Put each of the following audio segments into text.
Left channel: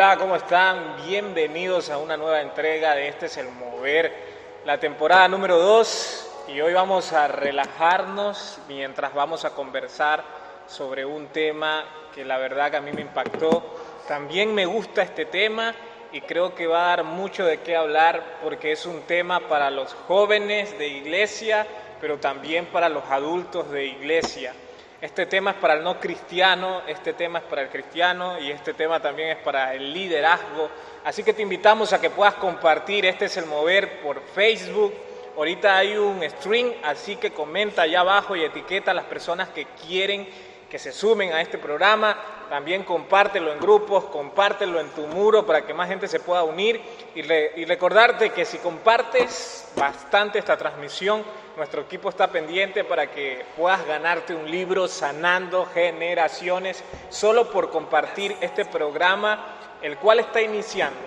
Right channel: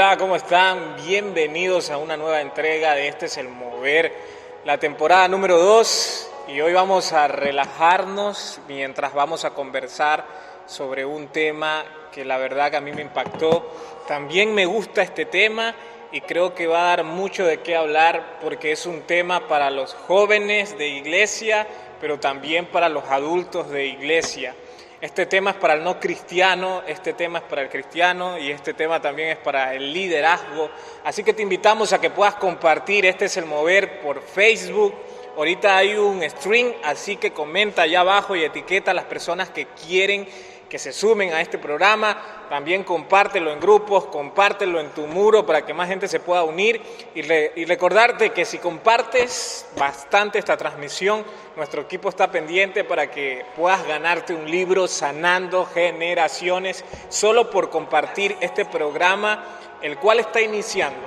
Hola, ¿cómo están? Bienvenidos a una nueva entrega de Este es el Mover, la temporada número 2. Y hoy vamos a relajarnos mientras vamos a conversar sobre un tema que la verdad que a mí me impactó. También me gusta este tema y creo que va a dar mucho de qué hablar porque es un tema para los jóvenes de iglesia, pero también para los adultos de iglesia. Este tema es para el no cristiano, este tema es para el cristiano y este tema también es para el liderazgo. Así que te invitamos a que puedas compartir Este es el Mover por Facebook. Ahorita hay un stream, así que comenta allá abajo y etiqueta a las personas que quieren que se sumen a este programa. También compártelo en grupos, compártelo en tu muro para que más gente se pueda unir y recordarte que si compartes bastante esta transmisión, nuestro equipo está pendiente para que puedas ganarte un libro Sanando Generaciones solo por compartir este programa, el cual está iniciando.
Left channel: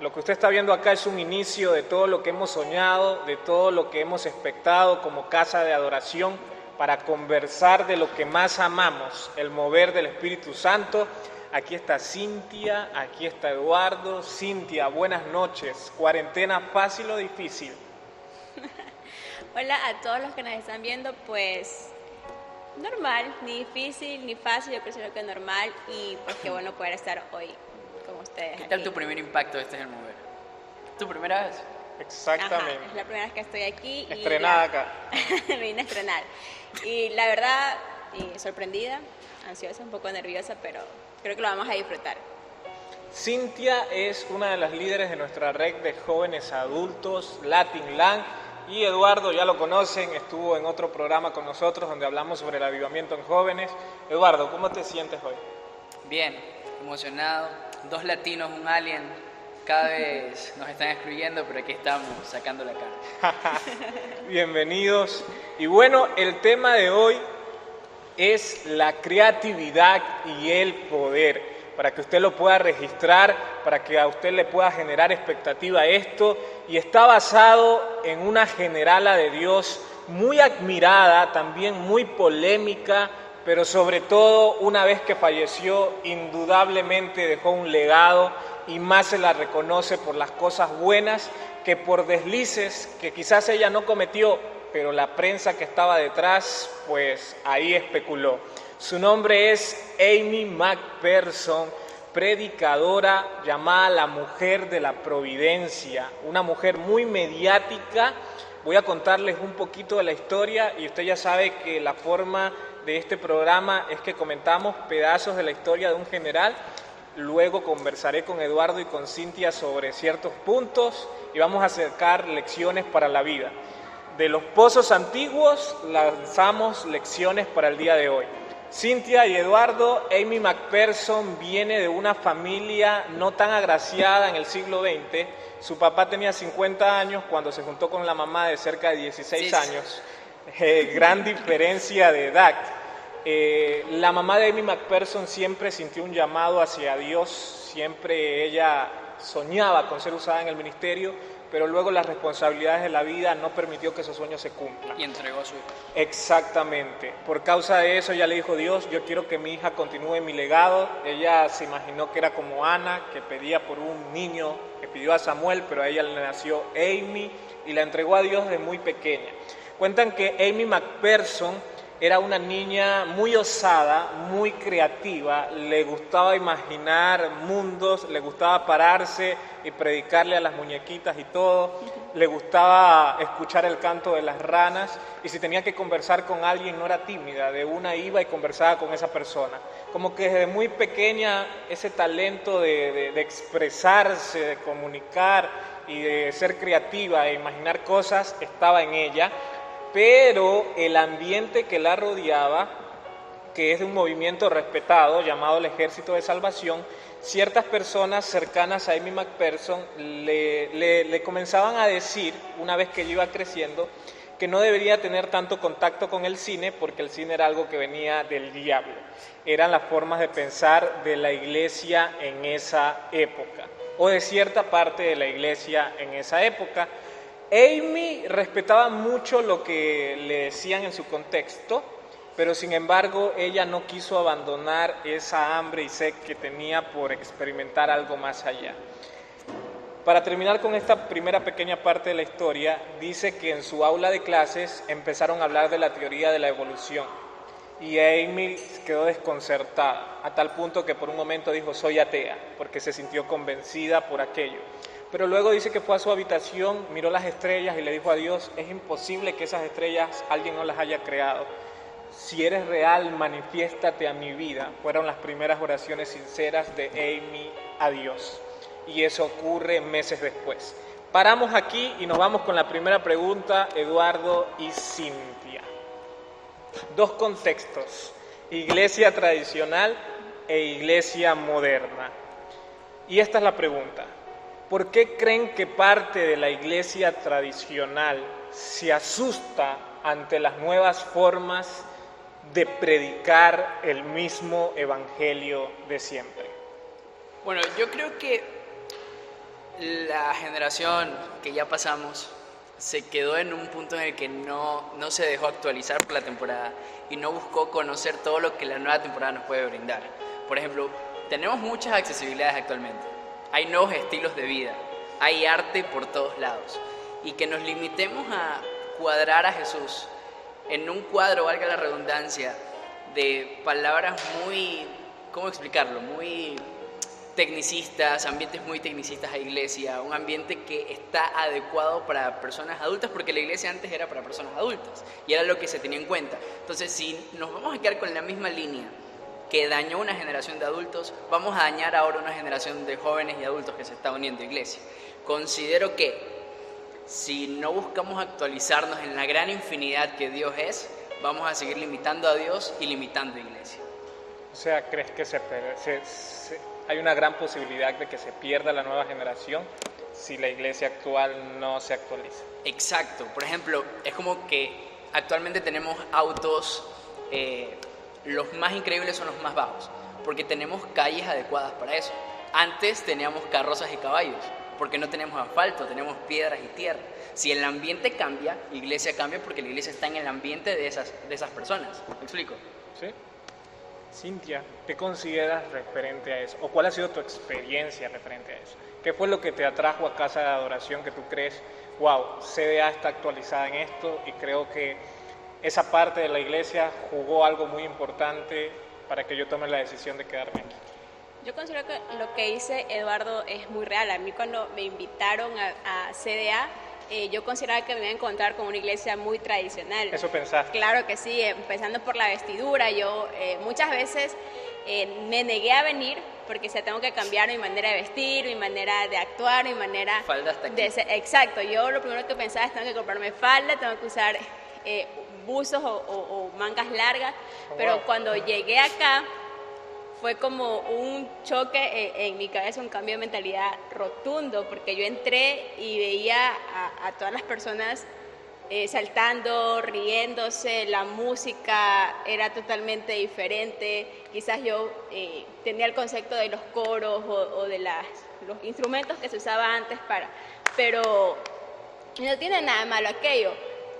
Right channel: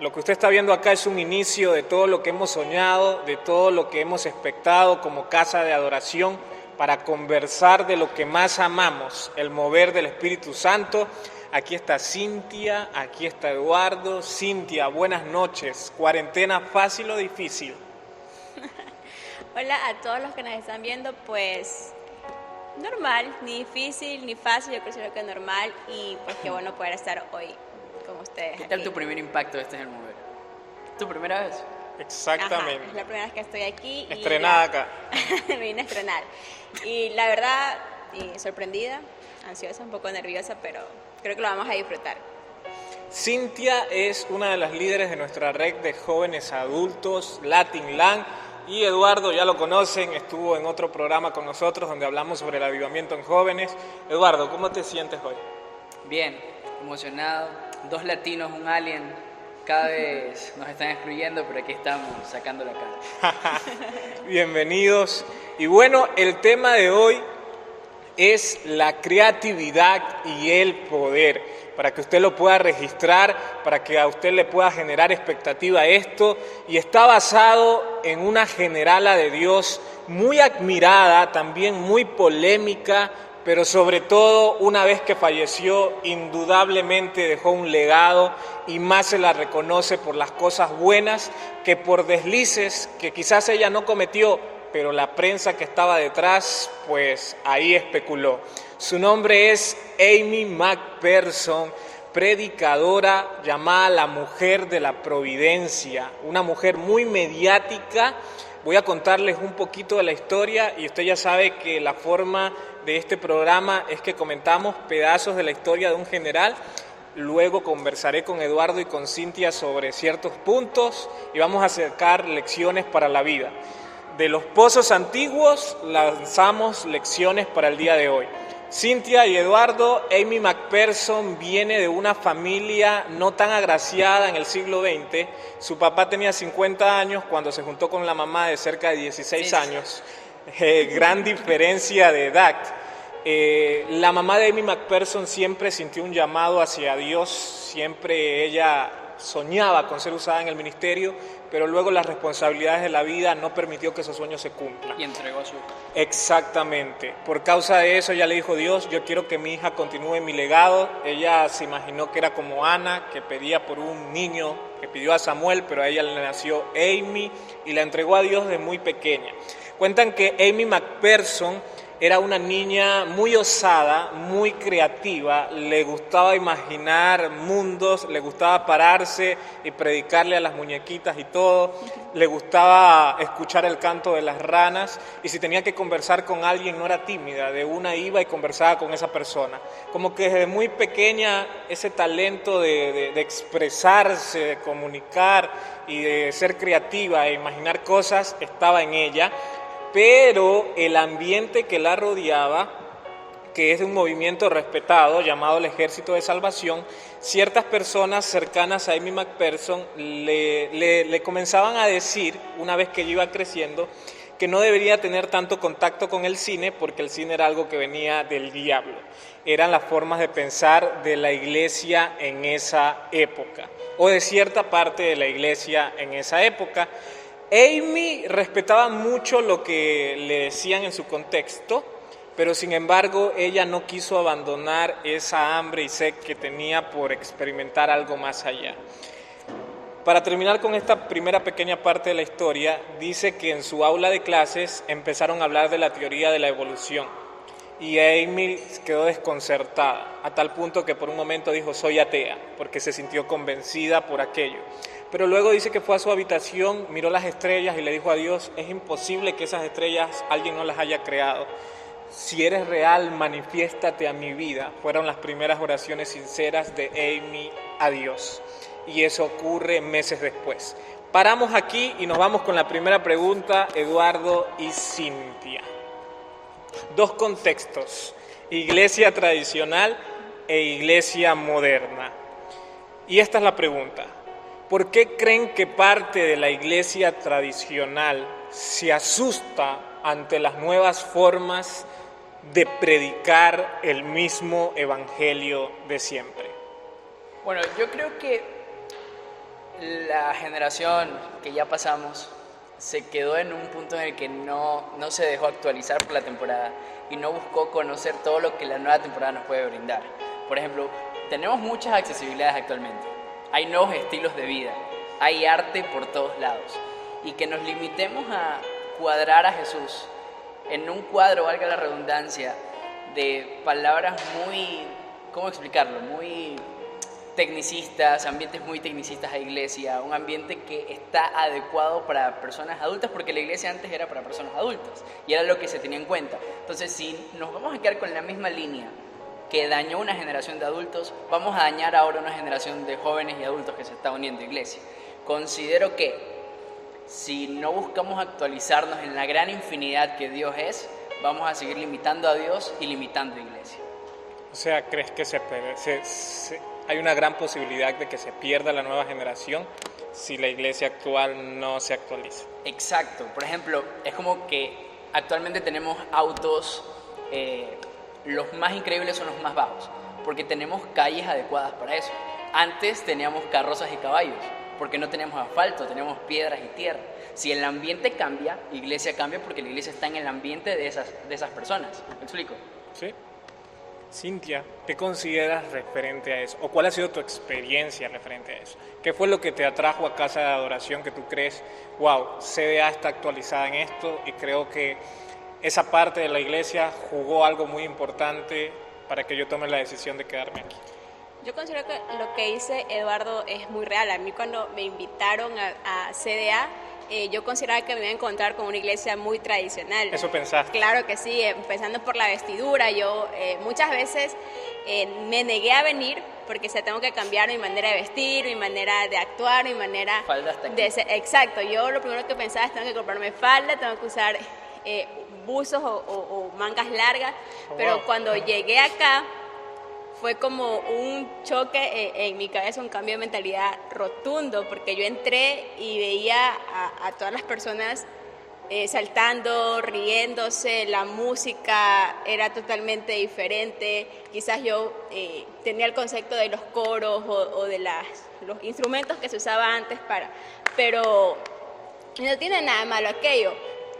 Lo que usted está viendo acá es un inicio de todo lo que hemos soñado, de todo lo que hemos expectado como casa de adoración para conversar de lo que más amamos, el mover del Espíritu Santo. Aquí está Cintia, aquí está Eduardo. Cintia, buenas noches. ¿Cuarentena fácil o difícil? Hola a todos los que nos están viendo, pues normal, ni difícil ni fácil, yo considero que normal y pues qué bueno poder estar hoy con ustedes. ¿Qué tal aquí. tu primer impacto de Este es el Mover? ¿Tu primera vez? Exactamente. Ajá, es la primera vez que estoy aquí. Estrenada acá. Me vine a estrenar. Y la verdad, sorprendida, ansiosa, un poco nerviosa, pero creo que lo vamos a disfrutar. Cintia es una de las líderes de nuestra red de jóvenes adultos, Latinland, y Eduardo, ya lo conocen, estuvo en otro programa con nosotros donde hablamos sobre el avivamiento en jóvenes. Eduardo, ¿cómo te sientes hoy? Bien, emocionado. 2 latinos, un alien. Cada vez nos están excluyendo, pero aquí estamos sacando la cara. Bienvenidos. Y bueno, el tema de hoy es la creatividad y el poder. Para que usted lo pueda registrar, para que a usted le pueda generar expectativa esto. Y está basado en una generala de Dios muy admirada, también muy polémica, pero sobre todo una vez que falleció, indudablemente dejó un legado y más se la reconoce por las cosas buenas que por deslices que quizás ella no cometió, pero la prensa que estaba detrás, pues ahí especuló. Su nombre es Amy McPherson, predicadora llamada la mujer de la providencia, una mujer muy mediática. Voy a contarles un poquito de la historia y usted ya sabe que la forma de este programa es que comentamos pedazos de la historia de un general. Luego conversaré con Eduardo y con Cintia sobre ciertos puntos y vamos a sacar lecciones para la vida. De los pozos antiguos lanzamos lecciones para el día de hoy. Cintia y Eduardo, Amy McPherson viene de una familia no tan agraciada en el siglo XX. Su papá tenía 50 años cuando se juntó con la mamá de cerca de 16 años. Gran diferencia de edad. La mamá de Amy McPherson siempre sintió un llamado hacia Dios, siempre ella soñaba con ser usada en el ministerio, pero luego las responsabilidades de la vida no permitió que ese sueño se cumpla. Y entregó a su hija. Exactamente. Por causa de eso ella le dijo: Dios, yo quiero que mi hija continúe mi legado. Ella se imaginó que era como Ana, que pedía por un niño, que pidió a Samuel, pero a ella le nació Amy y la entregó a Dios desde muy pequeña. Cuentan que Amy McPherson era una niña muy osada, muy creativa, le gustaba imaginar mundos, le gustaba pararse y predicarle a las muñequitas y todo, le gustaba escuchar el canto de las ranas y si tenía que conversar con alguien no era tímida, de una iba y conversaba con esa persona. Como que desde muy pequeña ese talento de expresarse, de comunicar y de ser creativa e imaginar cosas estaba en ella. Pero el ambiente que la rodeaba, que es de un movimiento respetado llamado el Ejército de Salvación, ciertas personas cercanas a Amy McPherson le comenzaban a decir, una vez que ella iba creciendo, que no debería tener tanto contacto con el cine porque el cine era algo que venía del diablo. Eran las formas de pensar de la iglesia en esa época, o de cierta parte de la iglesia en esa época. Amy respetaba mucho lo que le decían en su contexto pero sin embargo ella no quiso abandonar esa hambre y sed que tenía por experimentar algo más allá. Para terminar con esta primera pequeña parte de la historia, dice que en su aula de clases empezaron a hablar de la teoría de la evolución y Amy quedó desconcertada, a tal punto que por un momento dijo soy atea, porque se sintió convencida por aquello. Pero luego dice que fue a su habitación, miró las estrellas y le dijo a Dios, es imposible que esas estrellas alguien no las haya creado. Si eres real, manifiéstate a mi vida. Fueron las primeras oraciones sinceras de Amy a Dios. Y eso ocurre meses después. Paramos aquí y nos vamos con la primera pregunta, Eduardo y Cintia. Dos contextos, iglesia tradicional e iglesia moderna. Y esta es la pregunta, ¿por qué creen que parte de la iglesia tradicional se asusta ante las nuevas formas de predicar el mismo evangelio de siempre? Bueno, yo creo que la generación que ya pasamos se quedó en un punto en el que no se dejó actualizar por la temporada y no buscó conocer todo lo que la nueva temporada nos puede brindar. Por ejemplo, tenemos muchas accesibilidades actualmente, hay nuevos estilos de vida, hay arte por todos lados, y que nos limitemos a cuadrar a Jesús en un cuadro, valga la redundancia, de palabras muy, ¿cómo explicarlo? Muy tecnicistas, ambientes muy tecnicistas a iglesia, un ambiente que está adecuado para personas adultas, porque la iglesia antes era para personas adultas y era lo que se tenía en cuenta. Entonces, si nos vamos a quedar con la misma línea que dañó una generación de adultos, vamos a dañar ahora una generación de jóvenes y adultos que se está uniendo a iglesia. Considero que si no buscamos actualizarnos en la gran infinidad que Dios es, vamos a seguir limitando a Dios y limitando a iglesia. O sea, ¿crees que hay una gran posibilidad de que se pierda la nueva generación si la iglesia actual no se actualiza? Exacto. Por ejemplo, es como que actualmente tenemos autos, los más increíbles son los más bajos, porque tenemos calles adecuadas para eso. Antes teníamos carrozas y caballos, porque no teníamos asfalto, tenemos piedras y tierra. Si el ambiente cambia, la iglesia cambia, porque la iglesia está en el ambiente de esas personas. ¿Me explico? Sí. Cintia, ¿qué consideras referente a eso? ¿O cuál ha sido tu experiencia referente a eso? ¿Qué fue lo que te atrajo a Casa de Adoración que tú crees, wow, CDA está actualizada en esto y creo que esa parte de la iglesia jugó algo muy importante para que yo tome la decisión de quedarme aquí? Yo considero que lo que dice Eduardo es muy real. A mí cuando me invitaron a CDA, yo consideraba que me iba a encontrar con una iglesia muy tradicional. ¿Eso pensaste? Claro que sí, empezando por la vestidura. Yo muchas veces me negué a venir porque tengo que cambiar mi manera de vestir, mi manera de actuar, mi manera falda hasta aquí. de ser. Exacto, yo lo primero que pensaba es tengo que comprarme falda, tengo que usar buzos o mangas largas, pero cuando llegué acá fue como un choque en mi cabeza, un cambio de mentalidad rotundo, porque yo entré y veía a todas las personas saltando, riéndose, la música era totalmente diferente. Quizás yo tenía el concepto de los coros o de los instrumentos que se usaba antes pero no tiene nada malo aquello,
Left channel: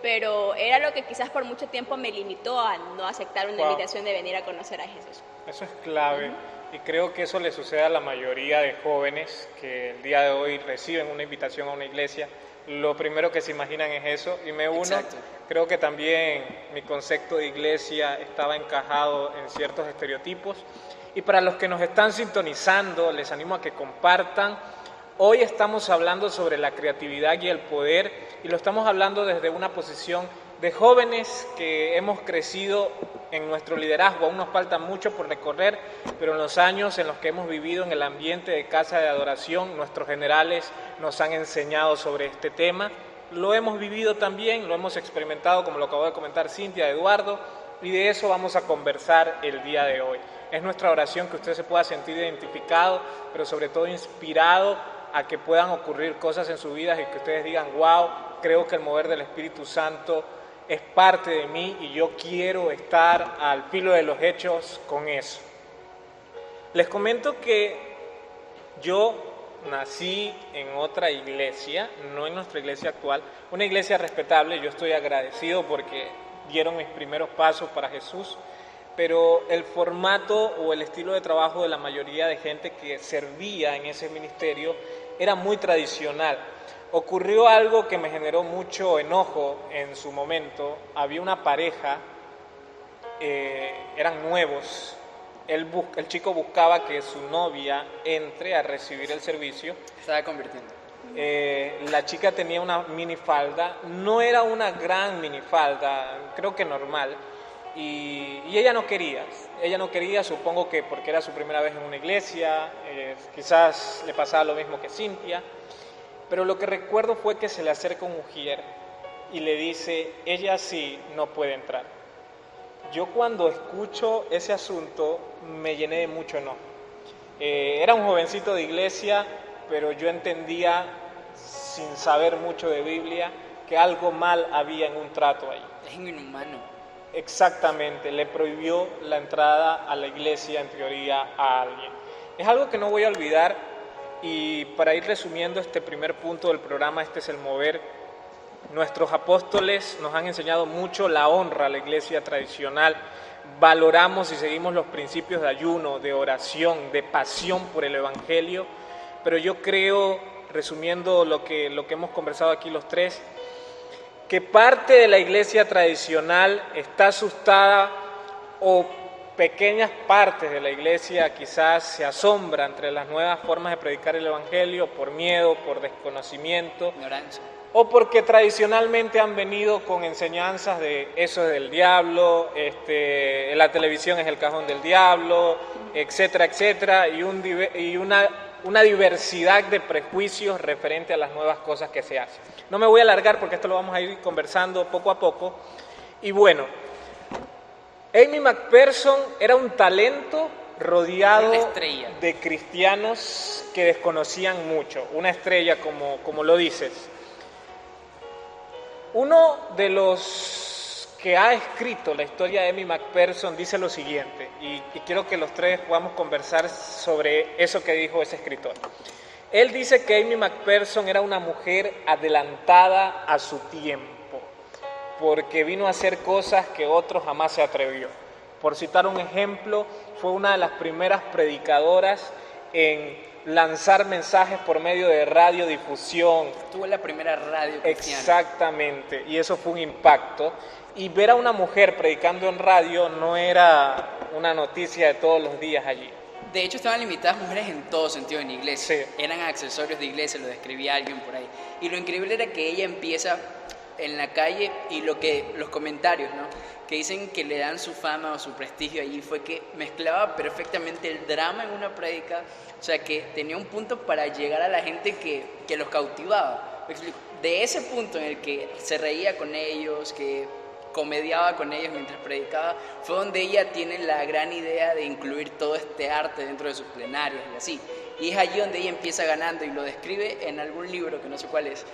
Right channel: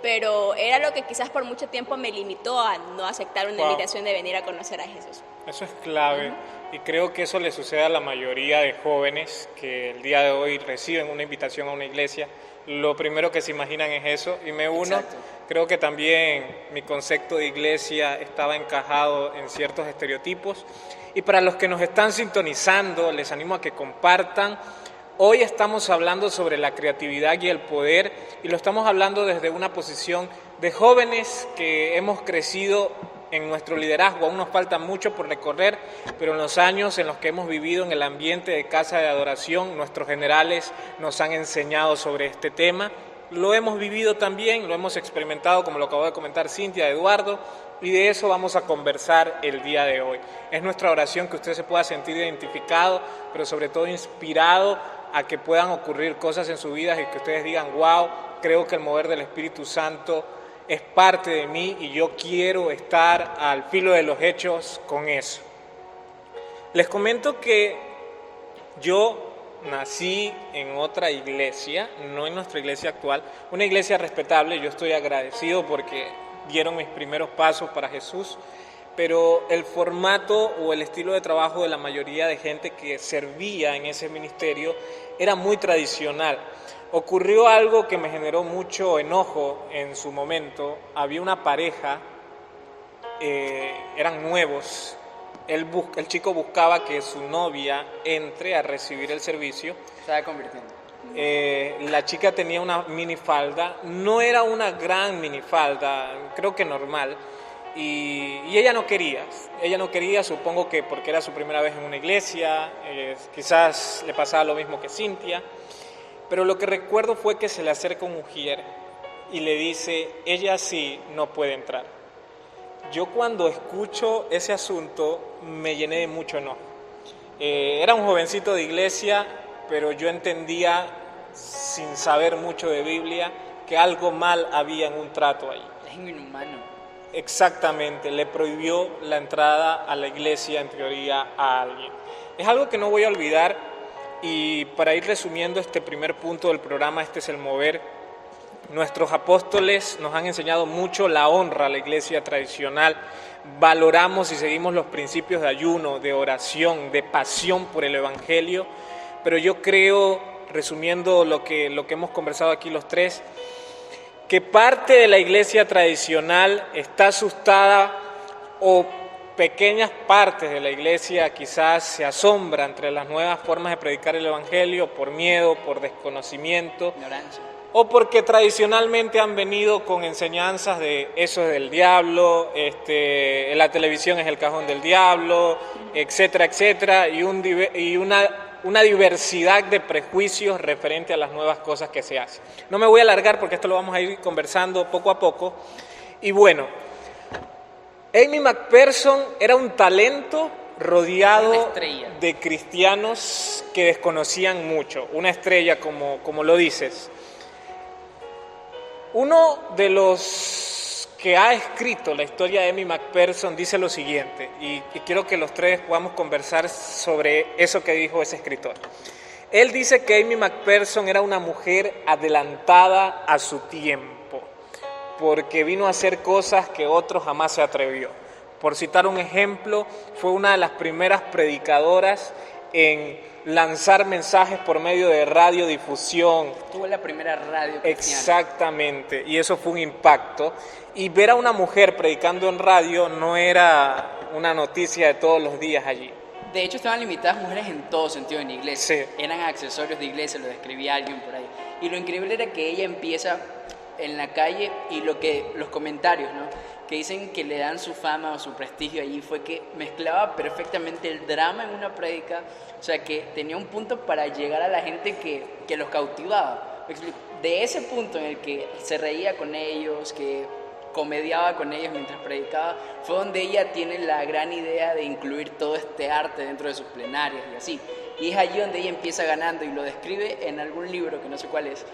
pero era lo que quizás por mucho tiempo me limitó a no aceptar una invitación de venir a conocer a Jesús. Eso es clave y creo que eso le sucede a la mayoría de jóvenes que el día de hoy reciben una invitación a una iglesia. Lo primero que se imaginan es eso y me uno. Exacto. Creo que también mi concepto de iglesia estaba encajado en ciertos estereotipos. Y para los que nos están sintonizando, les animo a que compartan. Hoy estamos hablando sobre la creatividad y el poder y lo estamos hablando desde una posición de jóvenes que hemos crecido en nuestro liderazgo. Aún nos falta mucho por recorrer, pero en los años en los que hemos vivido en el ambiente de Casa de Adoración, nuestros generales nos han enseñado sobre este tema. Lo hemos vivido también, lo hemos experimentado, como lo acabó de comentar Cintia, Eduardo, y de eso vamos a conversar el día de hoy. Es nuestra oración que usted se pueda sentir identificado, pero sobre todo inspirado a que puedan ocurrir cosas en su vida y que ustedes digan, wow, creo que el mover del Espíritu Santo es parte de mí y yo quiero estar al filo de los hechos con eso. Les comento que yo nací en otra iglesia, no en nuestra iglesia actual, una iglesia respetable. Yo estoy agradecido porque dieron mis primeros pasos para Jesús, pero el formato o el estilo de trabajo de la mayoría de gente que servía en ese ministerio era muy tradicional. Ocurrió algo que me generó mucho enojo en su momento. Había una pareja, eran nuevos, el chico buscaba que su novia entre a recibir el servicio. Se estaba convirtiendo. La chica tenía una minifalda, no era una gran minifalda, creo que normal, y ella no quería, supongo que porque era su primera vez en una iglesia, quizás le pasaba lo mismo que Cintia, pero lo que recuerdo fue que se le acerca un mujer y le dice, ella sí no puede entrar. Yo cuando escucho ese asunto me llené de mucho enojo. Era un jovencito de iglesia, pero yo entendía, sin saber mucho de Biblia, que algo mal había en un trato ahí. Es inhumano. Exactamente, le prohibió la entrada a la iglesia, en teoría, a alguien. Es algo que no voy a olvidar, y para ir resumiendo este primer punto del programa, este es el mover. Nuestros apóstoles nos han enseñado mucho la honra a la iglesia tradicional. Valoramos y seguimos los principios de ayuno, de oración, de pasión por el evangelio. Pero yo creo, resumiendo lo que hemos conversado aquí los tres, que parte de la iglesia tradicional está asustada, o pequeñas partes de la iglesia quizás se asombran entre las nuevas formas de predicar el evangelio por miedo, por desconocimiento, ignorancia, o porque tradicionalmente han venido con enseñanzas de eso es del diablo, la televisión es el cajón del diablo, etcétera, etcétera, y una diversidad de prejuicios referente a las nuevas cosas que se hacen. No me voy a alargar porque esto lo vamos a ir conversando poco a poco. Y bueno, Amy McPherson era un talento rodeado de cristianos que desconocían mucho, una estrella como lo dices. Uno de los que ha escrito la historia de Amy McPherson dice lo siguiente, y quiero que los tres podamos conversar sobre eso que dijo ese escritor. Él dice que Amy McPherson era una mujer adelantada a su tiempo, porque vino a hacer cosas que otros jamás se atrevió. Por citar un ejemplo, fue una de las primeras predicadoras en lanzar mensajes por medio de radiodifusión. Tuvo la primera radio cristiana. Exactamente, y eso fue un impacto. Y ver a una mujer predicando en radio no era una noticia de todos los días allí. De hecho, estaban limitadas mujeres en todo sentido en iglesia. Sí. Eran accesorios de iglesia, lo describía alguien por ahí. Y lo increíble era que ella empieza en la calle, y los comentarios, ¿no?, que dicen que le dan su fama o su prestigio allí, fue que mezclaba perfectamente el drama en una prédica, o sea, que tenía un punto para llegar a la gente que los cautivaba. De ese punto en el que se reía con ellos, que comediaba con ellos mientras predicaba, fue donde ella tiene la gran idea de incluir todo este arte dentro de sus plenarias y así. Y es allí donde ella empieza ganando, y lo describe en algún libro, que no sé cuál es,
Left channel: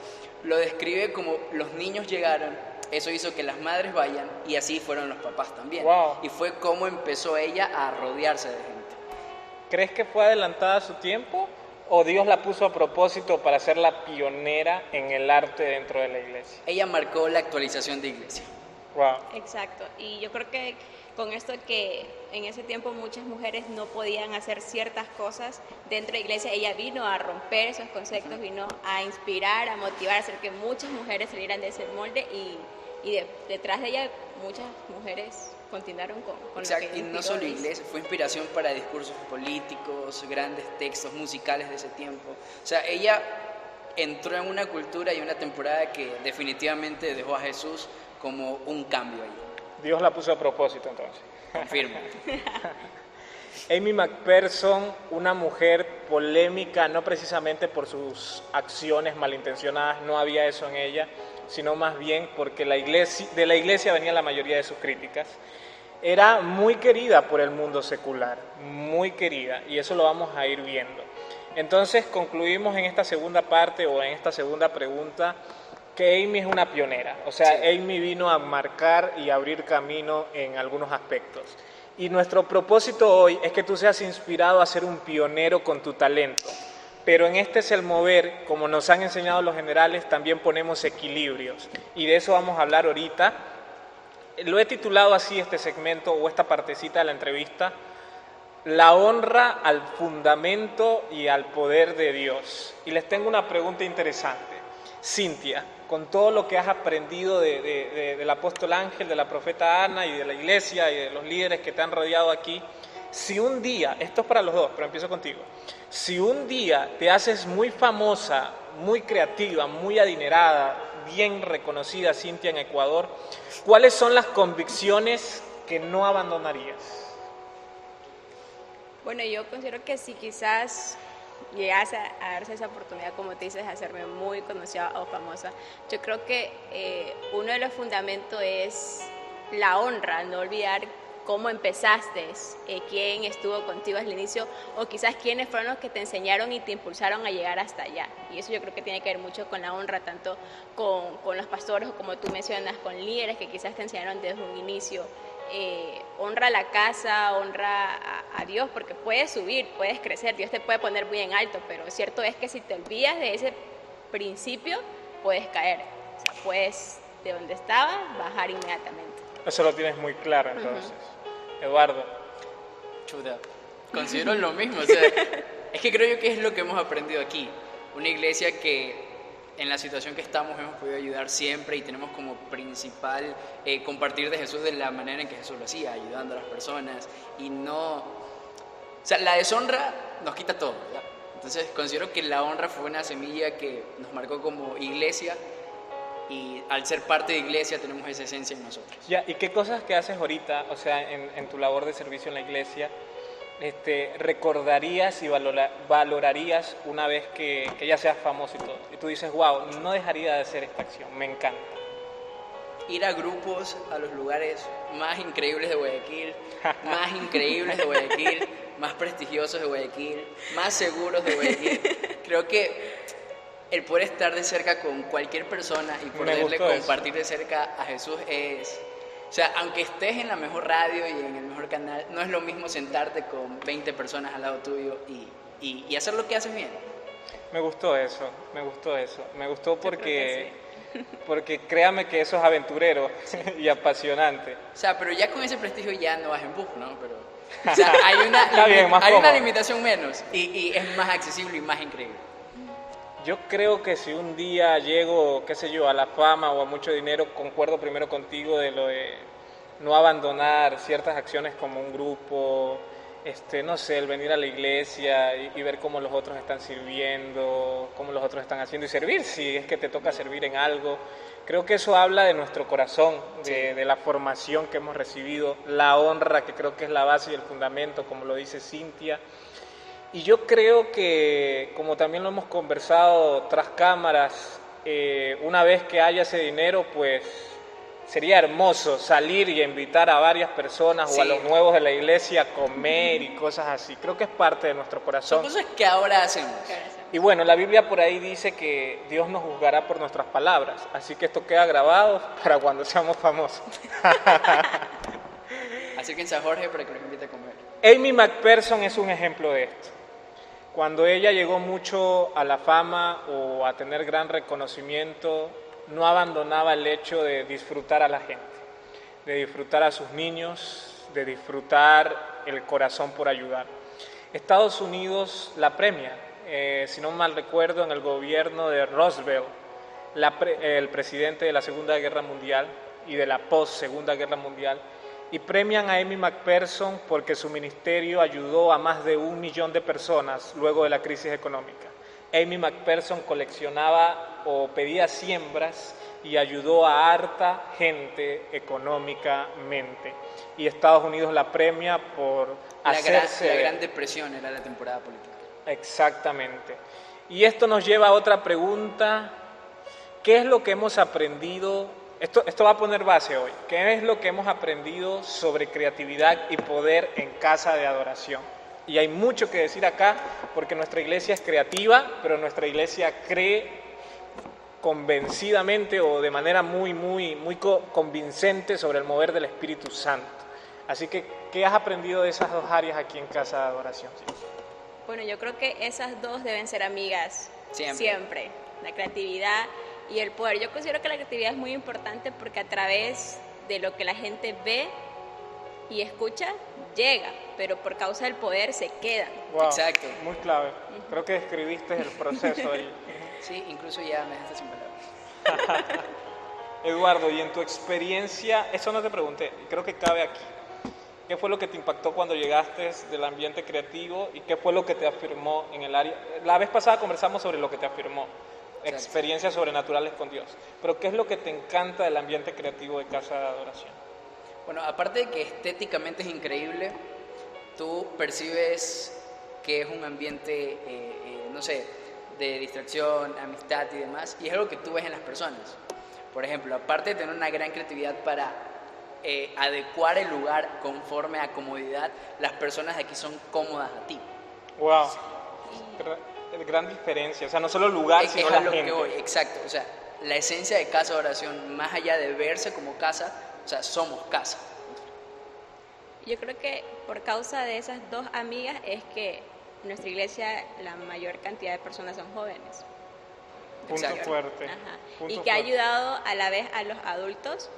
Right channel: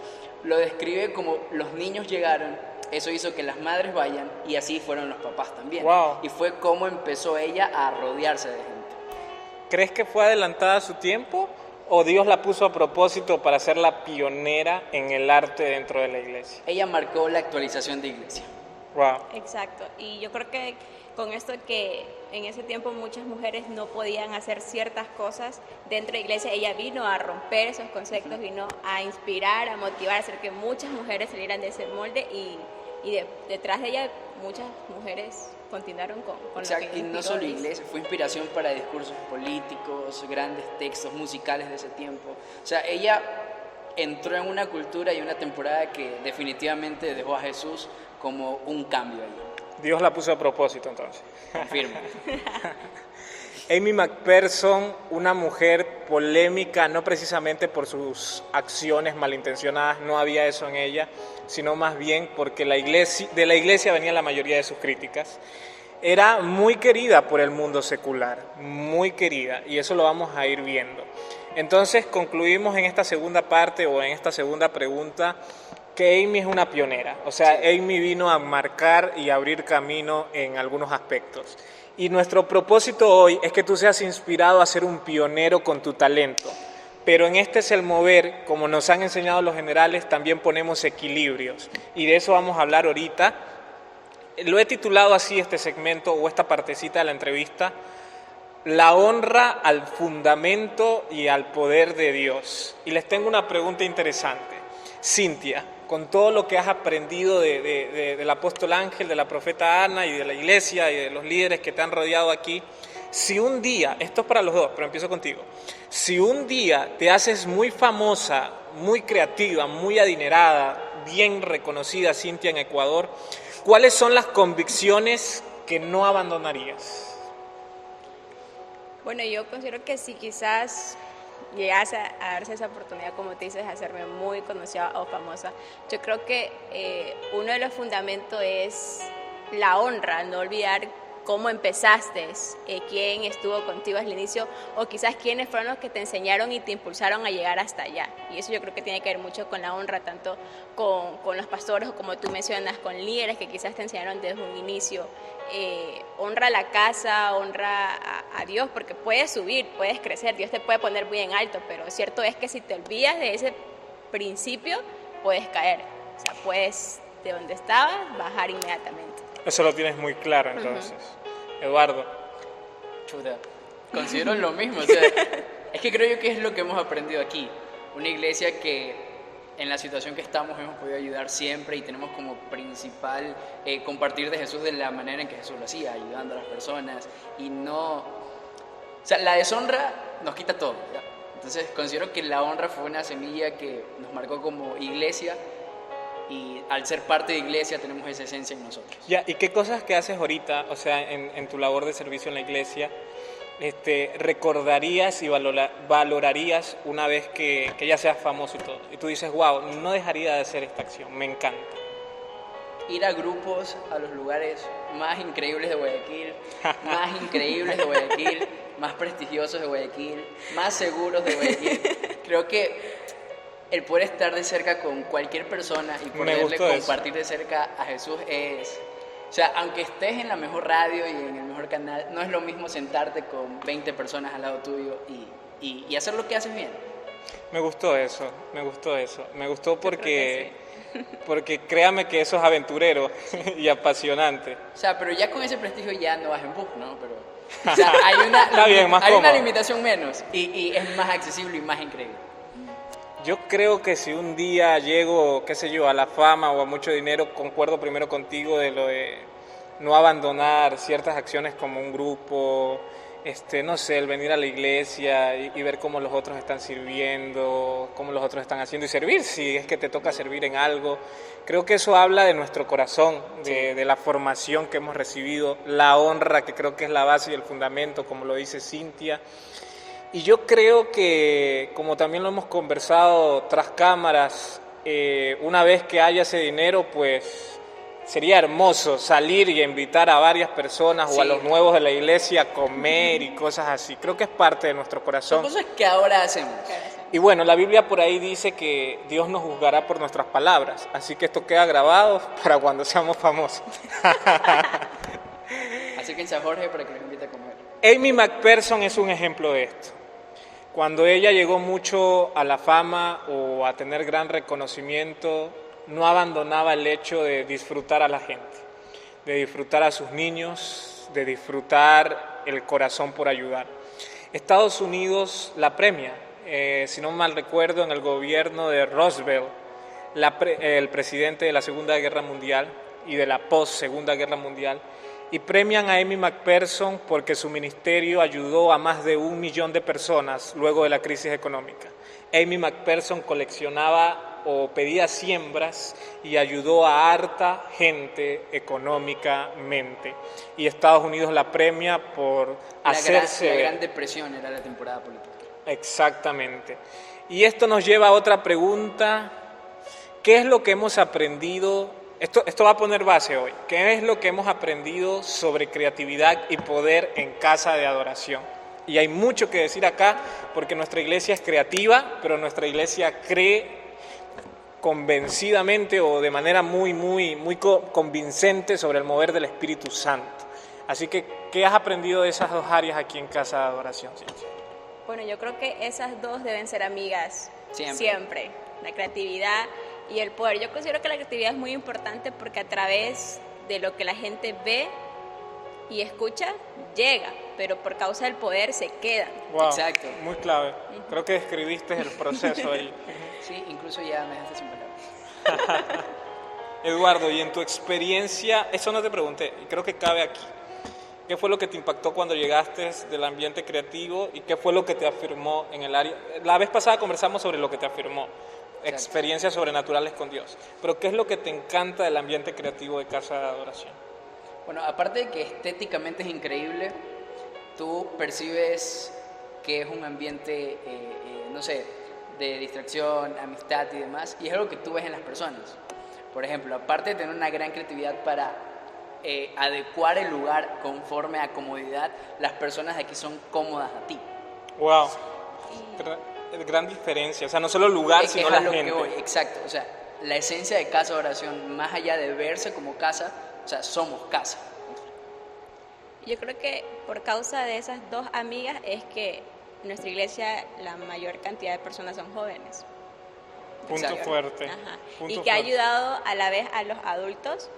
lo describe como los niños llegaron, eso hizo que las madres vayan, y así fueron los papás también. Wow. Y fue como empezó ella a rodearse de gente. ¿Crees que fue adelantada a su tiempo, o Dios la puso a propósito para ser la pionera en el arte dentro de la iglesia? Ella marcó la actualización de iglesia. Wow. Exacto, y yo creo que con esto que en ese tiempo muchas mujeres no podían hacer ciertas cosas dentro de la iglesia, ella vino a romper esos conceptos, vino a inspirar, a motivar, a hacer que muchas mujeres salieran de ese molde, y detrás de ella muchas mujeres continuaron con Exacto, lo que y no solo iglesia, fue inspiración para discursos políticos, grandes textos musicales de ese tiempo. O sea, ella entró en una cultura y una temporada que definitivamente dejó a Jesús como un cambio ahí. Dios la puso a propósito, entonces. Confirmo. Amy McPherson, una mujer polémica, no precisamente por sus acciones malintencionadas, no había eso en ella, sino más bien porque de la iglesia venían la mayoría de sus críticas. Era muy querida por el mundo secular, muy querida, y eso lo vamos a ir viendo. Entonces concluimos en esta segunda parte, o en esta segunda pregunta, que Amy es una pionera. O sea, sí, Amy vino a marcar y abrir camino en algunos aspectos. Y nuestro propósito hoy es que tú seas inspirado a ser un pionero con tu talento. Pero en este es el mover, como nos han enseñado los generales, también ponemos equilibrios. Y de eso vamos a hablar ahorita. Lo he titulado así este segmento o esta partecita de la entrevista, la honra al fundamento y al poder de Dios. Y les tengo una pregunta interesante. Cintia, con todo lo que has aprendido del apóstol Ángel, de la profeta Ana y de la iglesia y de los líderes que te han rodeado aquí, si un día, esto es para los dos, pero empiezo contigo, si un día te haces muy famosa, muy creativa, muy adinerada, bien reconocida, Cintia, en Ecuador, ¿cuáles son las convicciones que no abandonarías? Bueno, yo considero que si quizás llegase a darse esa oportunidad, como te dices, de hacerme muy conocida o famosa, yo creo que uno de los fundamentos es la honra, no olvidar cómo empezaste, quién estuvo contigo al inicio o quizás quiénes fueron los que te enseñaron y te impulsaron a llegar hasta allá. Y eso yo creo que tiene que ver mucho con la honra, tanto con los pastores o como tú mencionas, con líderes que quizás te enseñaron desde un inicio. Honra la casa, honra a Dios, porque puedes subir, puedes crecer, Dios te puede poner bien alto, pero cierto es que si te olvidas de ese principio, puedes caer. O sea, puedes de donde estabas bajar inmediatamente. Eso lo tienes muy claro, entonces. Eduardo. Chuta, considero lo mismo. O sea, es que creo yo que es lo que hemos aprendido aquí. Una iglesia que en la situación que estamos hemos podido ayudar siempre y tenemos como principal compartir de Jesús de la manera en que Jesús lo hacía, ayudando a las personas y no... O sea, la deshonra nos quita todo, ¿ya? Entonces considero que la honra fue una semilla que nos marcó como iglesia y al ser parte de iglesia tenemos esa esencia en nosotros. Ya, ¿y qué cosas que haces ahorita, o sea, en tu labor de servicio en la iglesia, recordarías y valorarías una vez que ya seas famoso y todo? Y tú dices, wow, no dejaría de hacer esta acción, me encanta. Ir a grupos, a los lugares más increíbles de Guayaquil, más increíbles de Guayaquil, más prestigiosos de Guayaquil, más seguros de Guayaquil. Creo que el poder estar de cerca con cualquier persona y poderle compartir de cerca a Jesús es... O sea, aunque estés en la mejor radio y en el mejor canal, no es lo mismo sentarte con 20 personas al lado tuyo y hacer lo que haces bien. Me gustó eso. Me gustó porque créame que eso es aventurero y apasionante. O sea, pero ya con ese prestigio ya no vas en bus, ¿no? Pero, o sea, hay Está una limitación menos y es más accesible y más increíble. Yo creo que si un día llego, qué sé yo, a la fama o a mucho dinero, concuerdo primero contigo de lo de no abandonar ciertas acciones como un grupo, no sé, el venir a la iglesia y ver cómo los otros están sirviendo, cómo los otros están haciendo y servir, si es que te toca servir en algo. Creo que eso habla de nuestro corazón, de la formación que hemos recibido, la honra, que creo que es la base y el fundamento, como lo dice Cintia. Y yo creo que, como también lo hemos conversado tras cámaras, una vez que haya ese dinero, pues sería hermoso salir y invitar a varias personas o a los nuevos de la iglesia a comer y cosas así. Creo que es parte de nuestro corazón. Son cosas que ahora hacemos. Y bueno, la Biblia por ahí dice que Dios nos juzgará por nuestras palabras, así que esto queda grabado para cuando seamos famosos. Acérquense a Jorge para que los invite a comer. Amy McPherson es un ejemplo de esto. Cuando ella llegó mucho a la fama o a tener gran reconocimiento, no abandonaba el hecho de disfrutar a la gente, de disfrutar a sus niños, de disfrutar el corazón por ayudar. Estados Unidos la premia, si no mal recuerdo, en el gobierno de Roosevelt, el presidente de la Segunda Guerra Mundial y de la post-Segunda Guerra Mundial, y premian a Amy McPherson porque su ministerio ayudó a más de 1 millón de personas luego de la crisis económica. Amy McPherson coleccionaba o pedía siembras y ayudó a harta gente económicamente. Y Estados Unidos la premia por hacerse... La Gran Depresión era la temporada política. Exactamente. Y esto nos lleva a otra pregunta. ¿Qué es lo que hemos aprendido? Esto va a poner base hoy. ¿Qué es lo que hemos aprendido sobre creatividad y poder en casa de adoración? Y hay mucho que decir acá porque nuestra iglesia es creativa, pero nuestra iglesia cree convencidamente o de manera muy convincente sobre el mover del Espíritu Santo. Así que, ¿qué has aprendido de esas dos áreas aquí en casa de adoración? Bueno, yo creo que esas dos deben ser amigas siempre. La creatividad y el poder. Yo considero que la creatividad es muy importante porque a través de lo que la gente ve y escucha llega, pero por causa del poder se quedan. Wow, Exacto. muy clave. Creo que describiste el proceso ahí. Sí, incluso ya me dejaste sin palabras. Eduardo, y en tu experiencia, eso no te pregunté, y creo que cabe aquí. ¿Qué fue lo que te impactó cuando llegaste del ambiente creativo y qué fue lo que te afirmó en el área? La vez pasada conversamos sobre lo que te afirmó, experiencias sobrenaturales con Dios. Pero ¿qué es lo que te encanta del ambiente creativo de Casa de Adoración? Bueno, aparte de que estéticamente es increíble, tú percibes que es un ambiente, no sé, de distracción, amistad y demás, y es algo que tú ves en las personas. Por ejemplo, aparte de tener una gran creatividad para adecuar el lugar conforme a comodidad, las personas de aquí son cómodas a ti. Wow, gran diferencia, o sea, no solo el lugar, sino Es la a lo gente. que voy, exacto. O sea, la esencia de Casa de Oración, más allá de verse como casa, o sea, somos casa. Yo creo que por causa de esas dos amigas es que en nuestra iglesia la mayor cantidad de personas son jóvenes. Punto Exacto. fuerte. Ajá. Punto Y que ha fuerte. ayudado a la vez a los adultos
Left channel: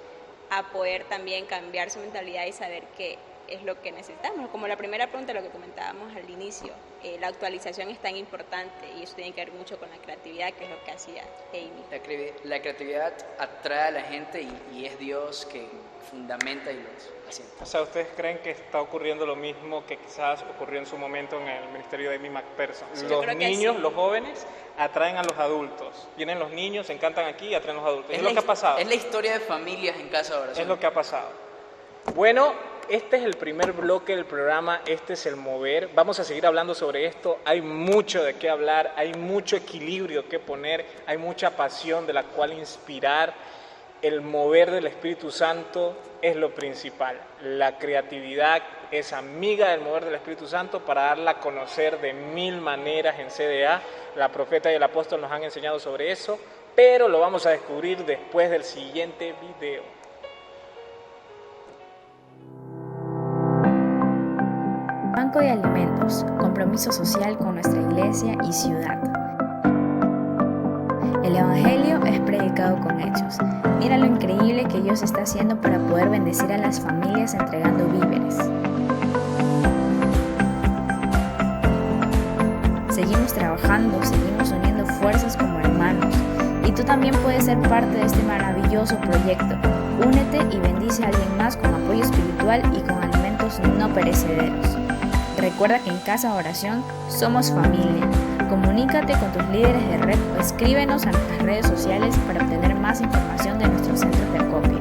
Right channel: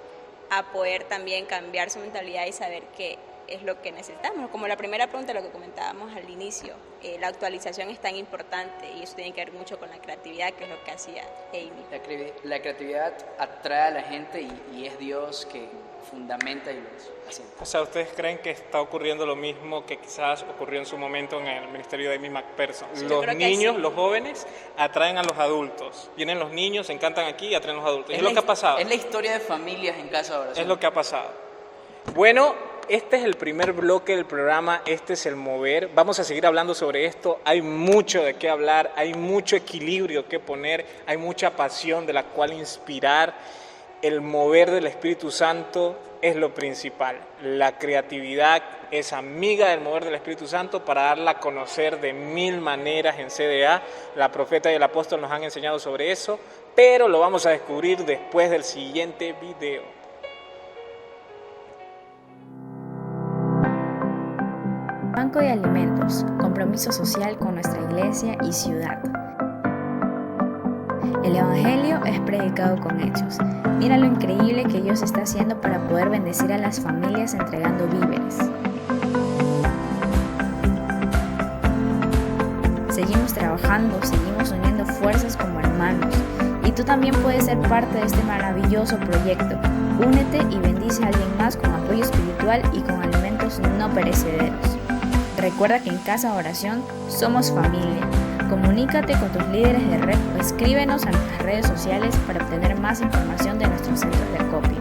a poder también cambiar su mentalidad y saber qué es lo que necesitamos. Como la primera pregunta, lo que comentábamos al inicio, la actualización es tan importante y eso tiene que ver mucho con la creatividad, que es lo que hacía Amy. La creatividad atrae a la gente y es Dios que fundamenta y los asienta. O sea, ¿ustedes creen que está ocurriendo lo mismo que quizás ocurrió en su momento en el ministerio de Amy McPherson? Sí, yo Los creo que niños, sí. los jóvenes, atraen a los adultos. Vienen los niños, se encantan aquí y atraen a los adultos. Es lo que ha pasado. Es la historia de familias en Casa de Oración. Es lo que ha pasado. Bueno, este es el primer bloque del programa, este es el mover. Vamos a seguir hablando sobre esto. Hay mucho de qué hablar, hay mucho equilibrio que poner, hay mucha pasión de la cual inspirar. El mover del Espíritu Santo es lo principal. La creatividad es amiga del mover del Espíritu Santo para darla a conocer de mil maneras en CDA. La profeta y el apóstol nos han enseñado sobre eso, pero lo vamos a descubrir después del siguiente video. Banco de Alimentos, compromiso social con nuestra iglesia y ciudad. El Evangelio es predicado con hechos. Mira lo increíble que Dios está haciendo para poder bendecir a las familias entregando víveres. Seguimos trabajando, seguimos uniendo fuerzas como hermanos. Y tú también puedes ser parte de este maravilloso proyecto. Únete y bendice a alguien más con apoyo espiritual y con alimentos no perecederos. Recuerda que en Casa de Oración somos familia. Comunícate con tus líderes de red o escríbenos a nuestras redes sociales para obtener más información de nuestros centros de acopio.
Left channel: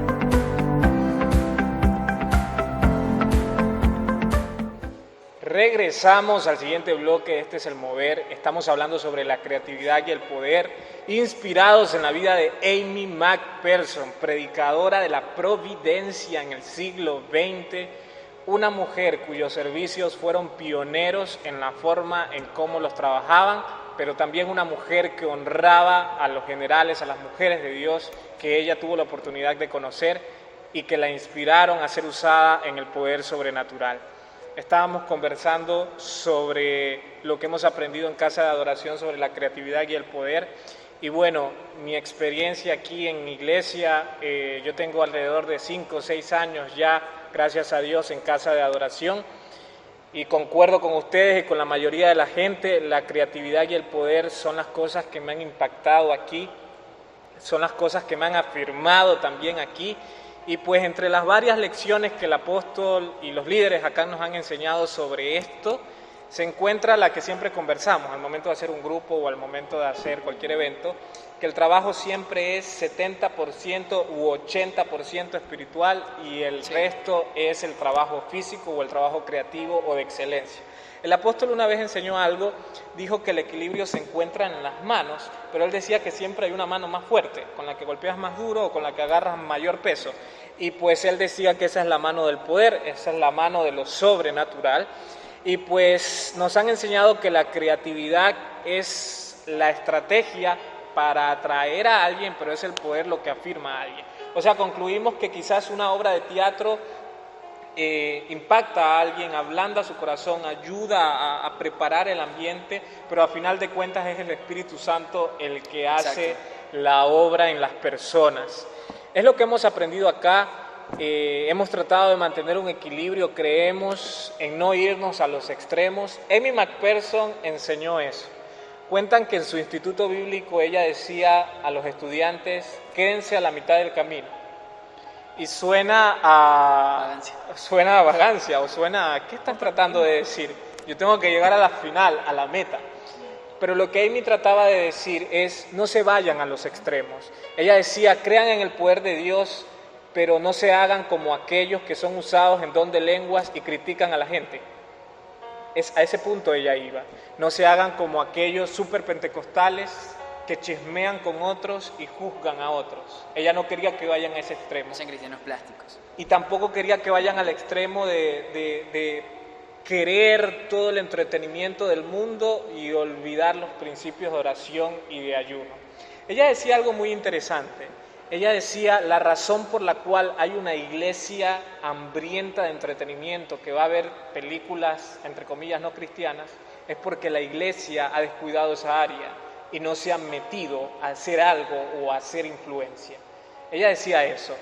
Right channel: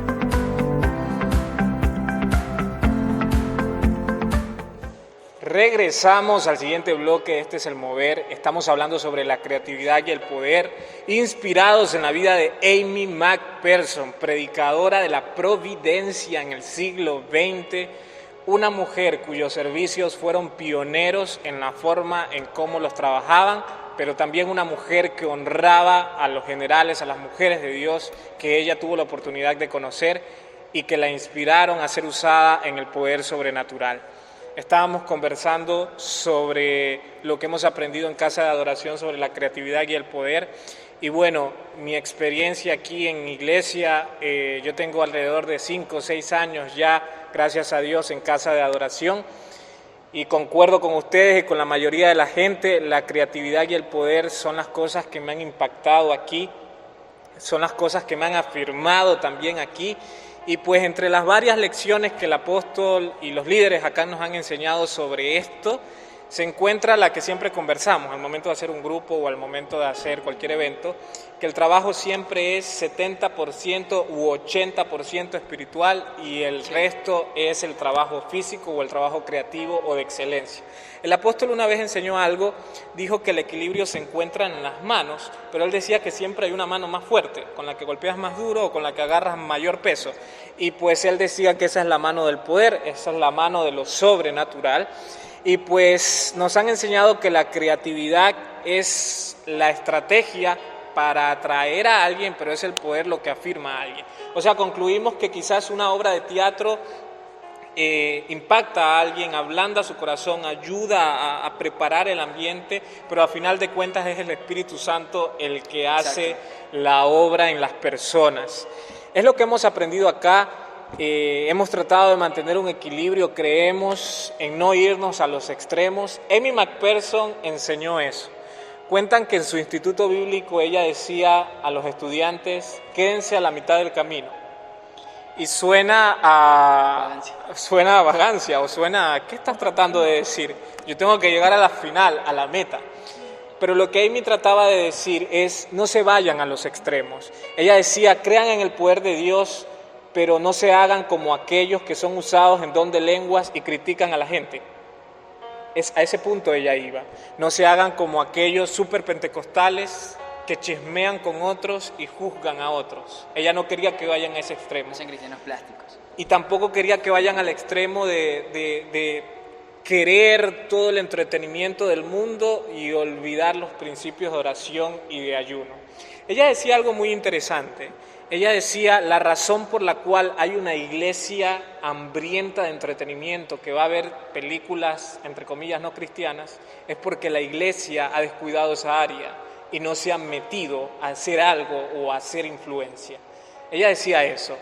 Regresamos al siguiente bloque, este es el mover. Estamos hablando sobre la creatividad y el poder, inspirados en la vida de Amy McPherson, predicadora de la providencia en el siglo XX, una mujer cuyos servicios fueron pioneros en la forma en cómo los trabajaban, pero también una mujer que honraba a los generales, a las mujeres de Dios que ella tuvo la oportunidad de conocer y que la inspiraron a ser usada en el poder sobrenatural. Estábamos conversando sobre lo que hemos aprendido en Casa de Adoración sobre la creatividad y el poder. Y bueno, mi experiencia aquí en iglesia, yo tengo alrededor de 5 o 6 años ya, gracias a Dios, en Casa de Adoración. Y concuerdo con ustedes y con la mayoría de la gente, la creatividad y el poder son las cosas que me han impactado aquí, son las cosas que me han afirmado también aquí. Y pues entre las varias lecciones que el apóstol y los líderes acá nos han enseñado sobre esto, se encuentra la que siempre conversamos al momento de hacer un grupo o al momento de hacer cualquier evento, que el trabajo siempre es 70% u 80% espiritual y el resto es el trabajo físico o el trabajo creativo o de excelencia. El apóstol una vez enseñó algo, dijo que el equilibrio se encuentra en las manos, pero él decía que siempre hay una mano más fuerte, con la que golpeas más duro o con la que agarras mayor peso. Y pues él decía que esa es la mano del poder, esa es la mano de lo sobrenatural. Y pues nos han enseñado que la creatividad es la estrategia para atraer a alguien, pero es el poder lo que afirma a alguien. O sea, concluimos que quizás una obra de teatro impacta a alguien, ablanda su corazón, ayuda a preparar el ambiente, pero a final de cuentas es el Espíritu Santo el que hace la obra en las personas. Es lo que hemos aprendido acá hemos tratado de mantener un equilibrio, creemos en no irnos a los extremos. Amy McPherson enseñó eso. Cuentan que en su instituto bíblico ella decía a los estudiantes, quédense a la mitad del camino. Y suena a vagancia o suena a, ¿qué estás tratando de decir? Yo tengo que llegar a la final, a la meta. Pero lo que Amy trataba de decir es, no se vayan a los extremos. Ella decía, crean en el poder de Dios, pero no se hagan como aquellos que son usados en don de lenguas y critican a la gente. A ese punto ella iba. No se hagan como aquellos superpentecostales que chismean con otros y juzgan a otros. Ella no quería que vayan a ese extremo. No sean cristianos plásticos. Y tampoco quería que vayan al extremo de querer todo el entretenimiento del mundo y olvidar los principios de oración y de ayuno. Ella decía algo muy interesante. Ella decía, la razón por la cual hay una iglesia hambrienta de entretenimiento, que va a ver películas, entre comillas, no cristianas, es porque la iglesia ha descuidado esa área y no se ha metido a hacer algo o a hacer influencia. Ella decía eso.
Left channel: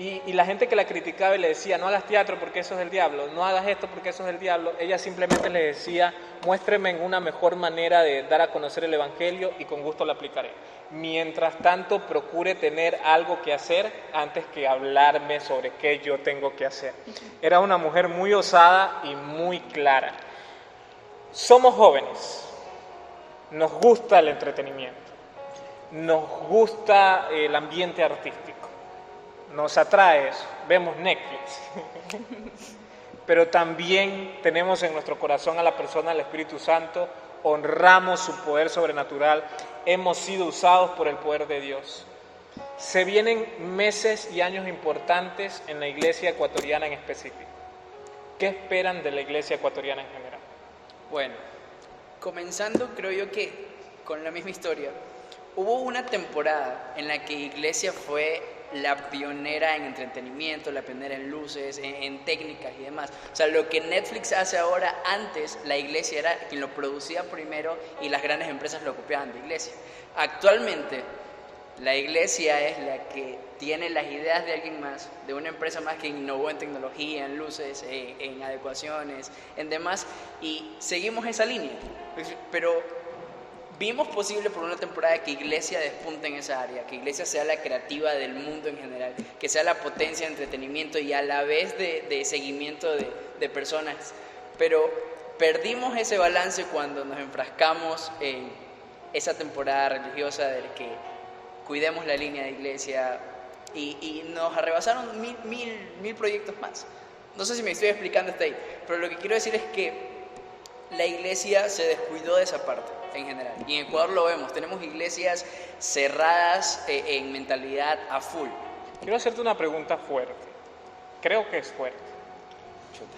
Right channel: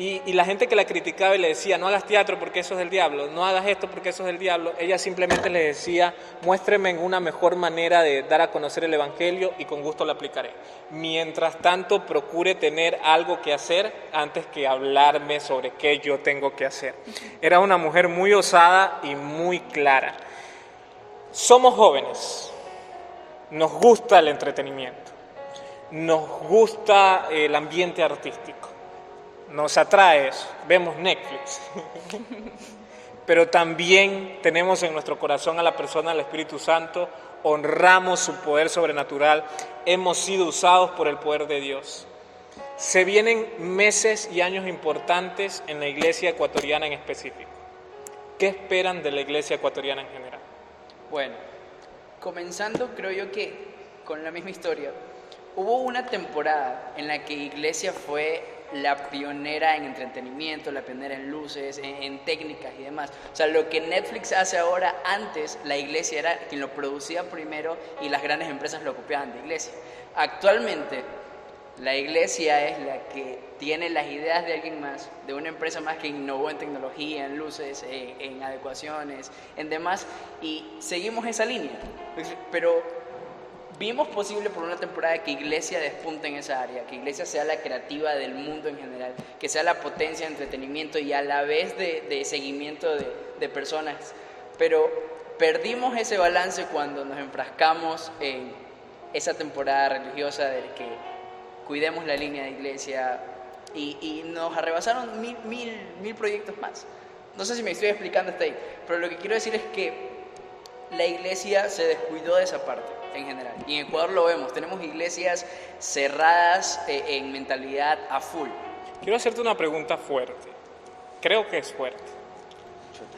Y la gente que la criticaba y le decía, no hagas teatro porque eso es del diablo, no hagas esto porque eso es del diablo, ella simplemente le decía, muéstreme en una mejor manera de dar a conocer el evangelio y con gusto la aplicaré. Mientras tanto, procure tener algo que hacer antes que hablarme sobre qué yo tengo que hacer. Era una mujer muy osada y muy clara. Somos jóvenes, nos gusta el entretenimiento, nos gusta el ambiente artístico. Nos atrae eso, vemos Netflix, pero también tenemos en nuestro corazón a la persona del Espíritu Santo, honramos su poder sobrenatural, hemos sido usados por el poder de Dios. Se vienen meses y años importantes en la iglesia ecuatoriana en específico. ¿Qué esperan de la iglesia ecuatoriana en general? Bueno, comenzando creo yo que con la misma historia, hubo una temporada en la que iglesia fue la pionera en entretenimiento, la pionera en luces, en técnicas y demás. O sea, lo que Netflix hace ahora, antes la iglesia era quien lo producía primero y las grandes empresas lo copiaban de iglesia. Actualmente, la iglesia es la que tiene las ideas de alguien más, de una empresa más que innovó en tecnología, en luces, en adecuaciones, en demás, y seguimos esa línea. Pero vimos posible por una temporada que iglesia despunte en esa área, que iglesia sea la creativa del mundo en general, que sea la potencia de entretenimiento y a la vez de seguimiento de personas. Pero perdimos ese balance cuando nos enfrascamos en esa temporada religiosa de que cuidemos la línea de iglesia y nos arrebasaron mil proyectos más. No sé si me estoy explicando hasta ahí, pero lo que quiero decir es que la iglesia se descuidó de esa parte en general. Y en Ecuador lo vemos, tenemos iglesias cerradas en mentalidad a full. Quiero hacerte una pregunta fuerte. Creo que es fuerte. Chuta.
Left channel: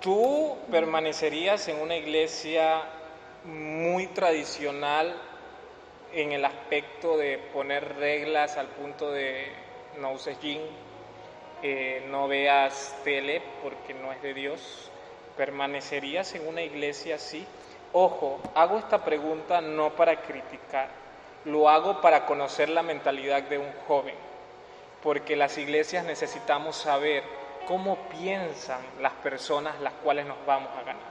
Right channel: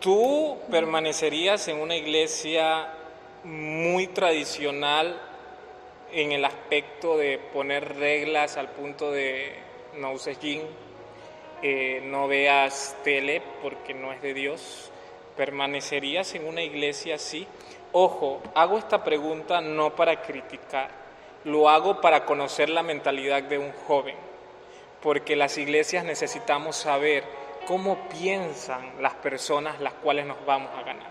¿Tú permanecerías en una iglesia muy tradicional en el aspecto de poner reglas al punto de no uses jean, no veas tele porque no es de Dios? ¿Permanecerías en una iglesia así? Ojo, hago esta pregunta no para criticar, lo hago para conocer la mentalidad de un joven, porque las iglesias necesitamos saber cómo piensan las personas las cuales nos vamos a ganar.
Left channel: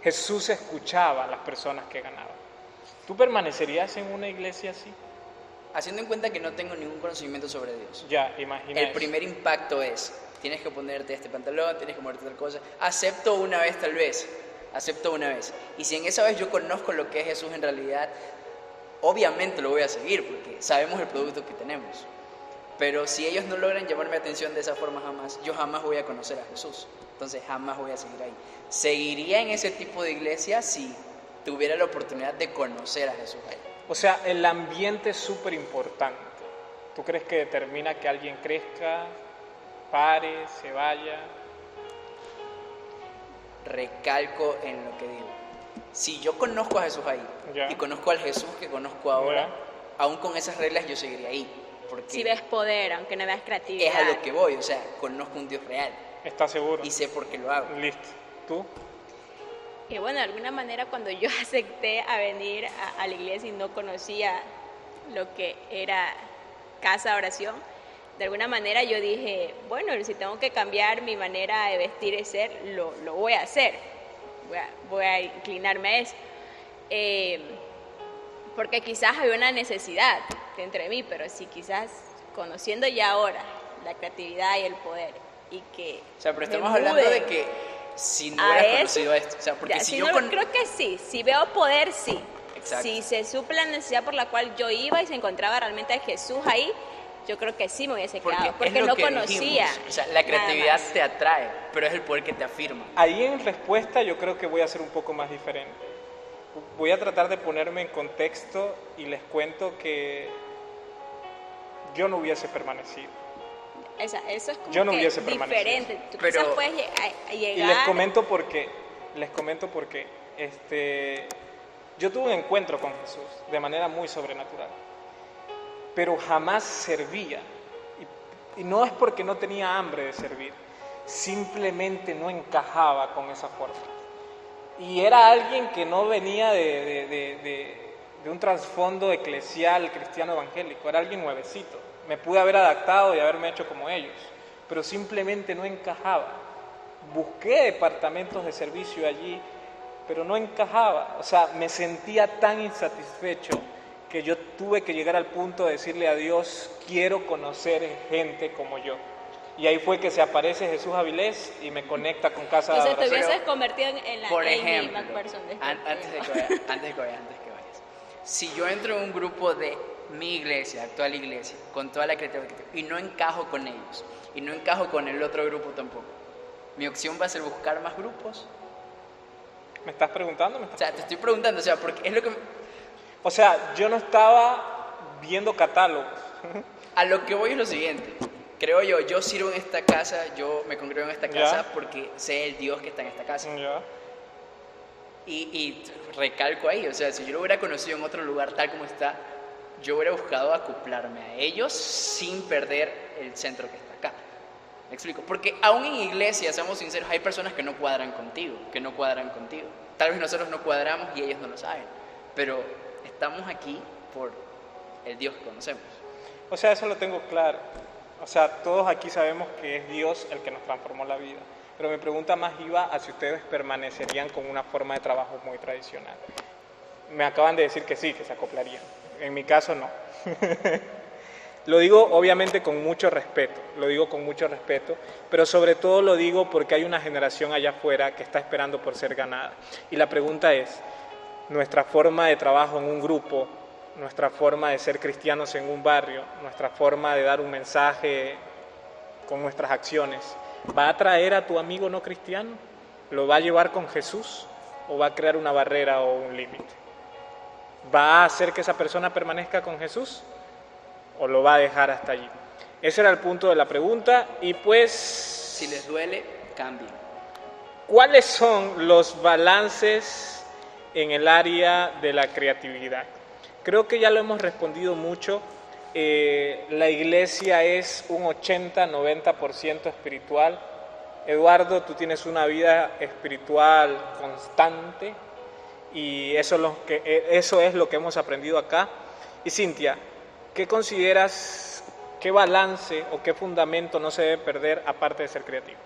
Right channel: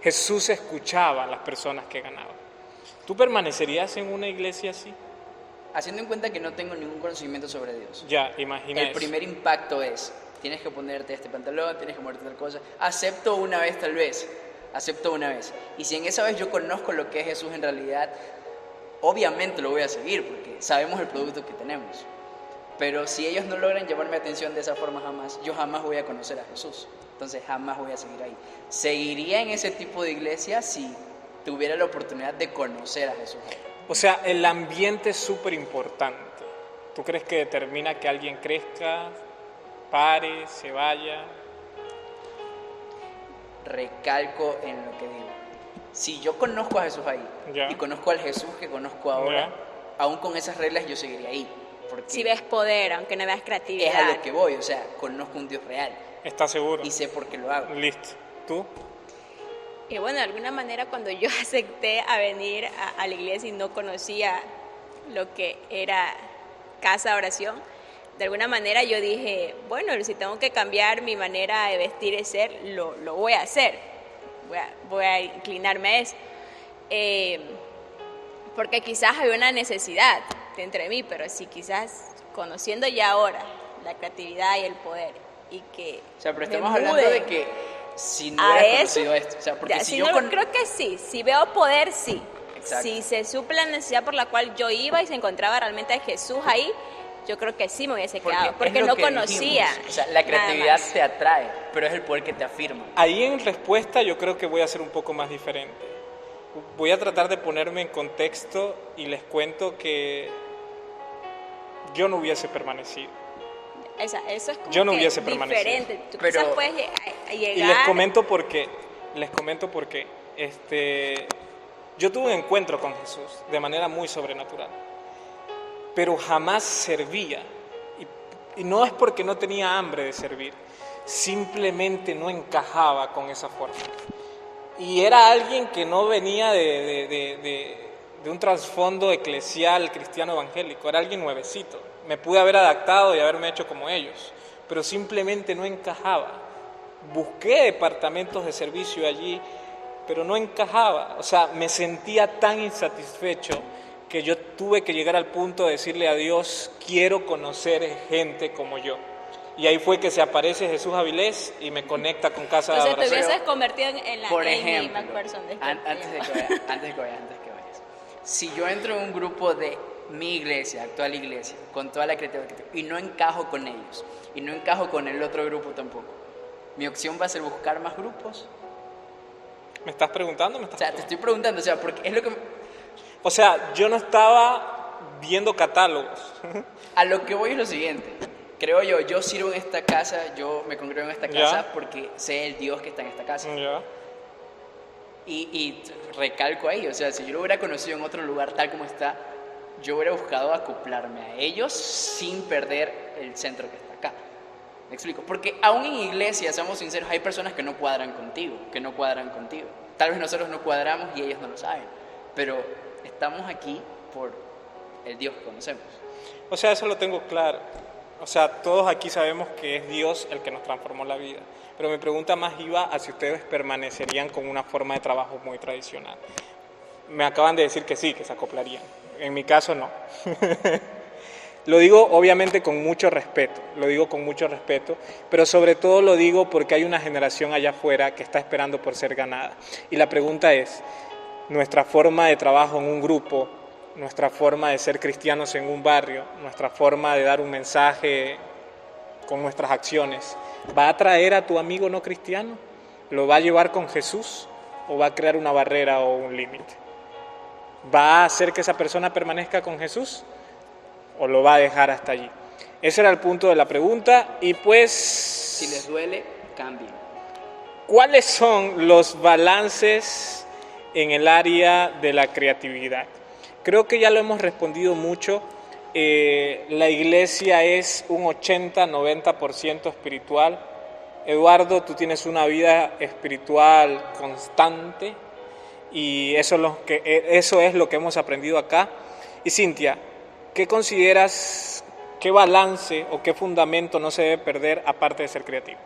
Jesús escuchaba a las personas que ganaban. ¿Tú permanecerías en una iglesia así? Haciendo en cuenta que no tengo ningún conocimiento sobre Dios. Ya, imagina El eso. primer impacto es, tienes que ponerte este pantalón, tienes que ponerte tal cosa. Acepto una vez tal vez. Acepto una vez. Y si en esa vez yo conozco lo que es Jesús en realidad, obviamente lo voy a seguir porque sabemos el producto que tenemos. Pero si ellos no logran llamarme atención de esa forma jamás, yo jamás voy a conocer a Jesús. Entonces jamás voy a seguir ahí. Seguiría en ese tipo de iglesia si tuviera la oportunidad de conocer a Jesús ahí. O sea, el ambiente es súper importante. ¿Tú crees que determina que alguien crezca, pare, se vaya? Recalco en lo que digo. Si yo conozco a Jesús ahí y conozco al Jesús que conozco ahora, aún con esas reglas yo seguiría ahí. Porque si ves poder, aunque no veas creatividad. es a lo que voy, o sea, conozco un Dios real. ¿Estás seguro? Y sé por qué lo hago. Listo. ¿Tú? Y bueno, de alguna manera cuando yo acepté a venir a la iglesia y no conocía lo que era casa de oración, de alguna manera yo dije, bueno, si tengo que cambiar mi manera de vestir y ser, lo voy a hacer. Voy a inclinarme a eso. Porque quizás había una necesidad entre mí, pero si quizás conociendo ya ahora la creatividad y el poder y que... O sea, pero estamos hablando de que si no hubieras conocido esto, o sea, porque ya, si si yo no, creo que sí, si veo poder, sí. Exacto. Si se suple la necesidad por la cual yo iba y se encontraba realmente a Jesús ahí, yo creo que sí me hubiese quedado, porque no conocía. Dijimos. O sea, la creatividad te atrae, pero es el poder que te afirma. Ahí en respuesta yo creo que voy a ser un poco más diferente. Voy a tratar de ponerme en contexto y les cuento que yo no hubiese permanecido. Eso es como Yo no que hubiese permanecido. diferente. Tú Pero- quizás puedes llegar... Y les comento por qué. Yo tuve un encuentro con Jesús de manera muy sobrenatural, pero jamás servía. Y no es porque no tenía hambre de servir, simplemente no encajaba con esa forma. Y era alguien que no venía de un trasfondo eclesial cristiano evangélico, era alguien nuevecito. Me pude haber adaptado y haberme hecho como ellos, pero simplemente no encajaba. Busqué departamentos de servicio allí, pero no encajaba. O sea, me sentía tan insatisfecho que yo tuve que llegar al punto de decirle a Dios, quiero conocer gente como yo. Y ahí fue que se aparece Jesús Avilés y me conecta con Casa de Entonces te Adoración. hubieses convertido en la Por Amy ejemplo, McPherson de antes de que vayas, si yo entro en un grupo de mi iglesia, actual iglesia, con toda la creatividad, y no encajo con ellos, y no encajo con el otro grupo tampoco, mi opción va a ser buscar más grupos. ¿Me estás preguntando? O sea, te estoy preguntando, o sea, porque es lo que... O sea, yo no estaba viendo catálogos. A lo que voy es lo siguiente. Creo yo sirvo en esta casa, yo me congrego en esta Ya. casa porque sé el Dios que está en esta casa. Ya. Y recalco ahí, o sea, si yo lo hubiera conocido en otro lugar tal como está, yo hubiera buscado acoplarme a ellos sin perder el centro que está acá. ¿Me explico? Porque aún en iglesia, seamos sinceros, hay personas que no cuadran contigo, Tal vez nosotros no cuadramos y ellos no lo saben, pero estamos aquí por el Dios que conocemos. O sea, eso lo tengo claro. O sea, todos aquí sabemos que es Dios el que nos transformó la vida. Pero mi pregunta más iba a si ustedes permanecerían con una forma de trabajo muy tradicional. Me acaban de decir que sí, que se acoplarían. En mi caso, no. Lo digo obviamente con mucho respeto, pero sobre todo lo digo porque hay una generación allá afuera que está esperando por ser ganada. Y la pregunta es, nuestra forma de trabajo en un grupo, nuestra forma de ser cristianos en un barrio, nuestra forma de dar un mensaje con nuestras acciones, ¿va a atraer a tu amigo no cristiano? ¿Lo va a llevar con Jesús o va a crear una barrera o un límite? ¿Va a hacer que esa persona permanezca con Jesús o lo va a dejar hasta allí? Ese era el punto de la pregunta y pues... Si les duele, cambien. ¿Cuáles son los balances en el área de la creatividad? Creo que ya lo hemos respondido mucho. La iglesia es un 80-90% espiritual. Eduardo, tú tienes una vida espiritual constante y eso es lo que hemos aprendido acá. Y Cintia, ¿qué consideras, qué balance o qué fundamento no se debe perder aparte de ser creativo?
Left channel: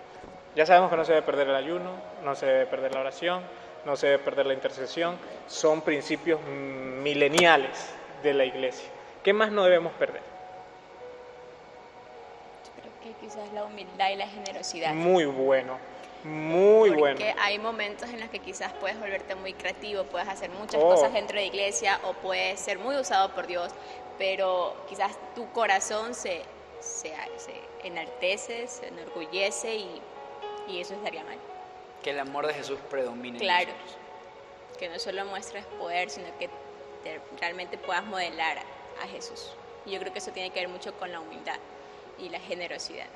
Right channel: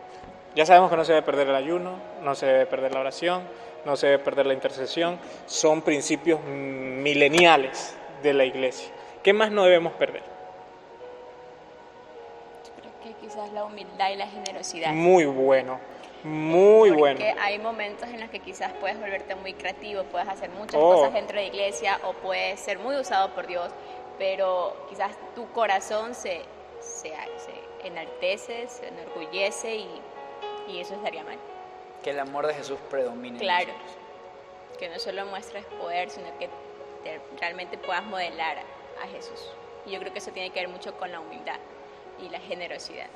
Ya sabemos que no se debe perder el ayuno, no se debe perder la oración, no se debe perder la intercesión. Son principios mileniales de la iglesia. ¿Qué más no debemos perder? Yo creo que quizás la humildad y la generosidad. Muy bueno, muy bueno. Porque hay momentos en los que quizás puedes volverte muy creativo, puedes hacer muchas Oh. cosas dentro de la iglesia o puedes ser muy usado por Dios, pero quizás tu corazón se enaltece, se enorgullece y eso estaría mal. Que el amor de Jesús predomine. en Claro, nosotros. que no solo muestres poder, sino que realmente puedas modelar a Jesús. Y yo creo que eso tiene que ver mucho con la humildad y la generosidad.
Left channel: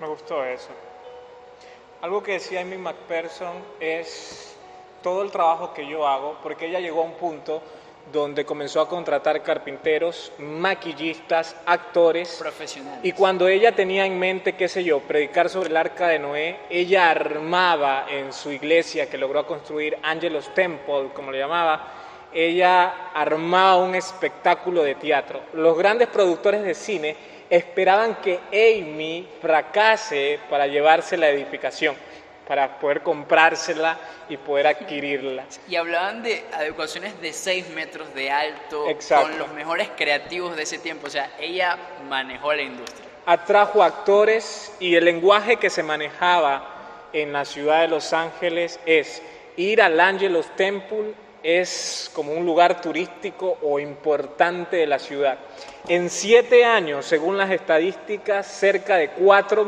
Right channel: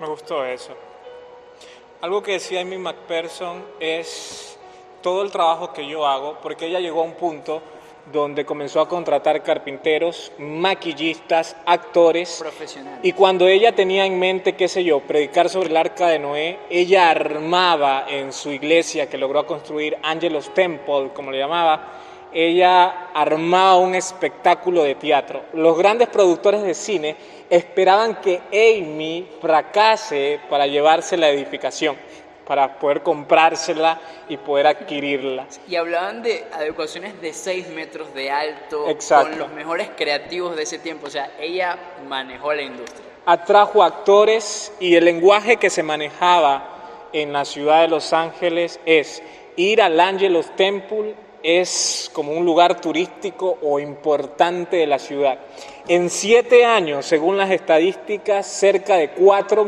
Me gustó eso. Algo que decía Amy McPherson es todo el trabajo que yo hago, porque ella llegó a un punto donde comenzó a contratar carpinteros, maquillistas, actores. Profesionales. Y cuando ella tenía en mente, qué sé yo, predicar sobre el arca de Noé, ella armaba en su iglesia que logró construir Angelos Temple, como le llamaba, ella armaba un espectáculo de teatro. Los grandes productores de cine esperaban que Amy fracase para llevarse la edificación, para poder comprársela y poder adquirirla. Y hablaban de adecuaciones de 6 metros de alto, Exacto. con los mejores creativos de ese tiempo. O sea, ella manejó la industria. Atrajo actores y el lenguaje que se manejaba en la ciudad de Los Ángeles es ir al Angelus Temple, es como un lugar turístico o importante de la ciudad. En 7 años, según las estadísticas, cerca de 4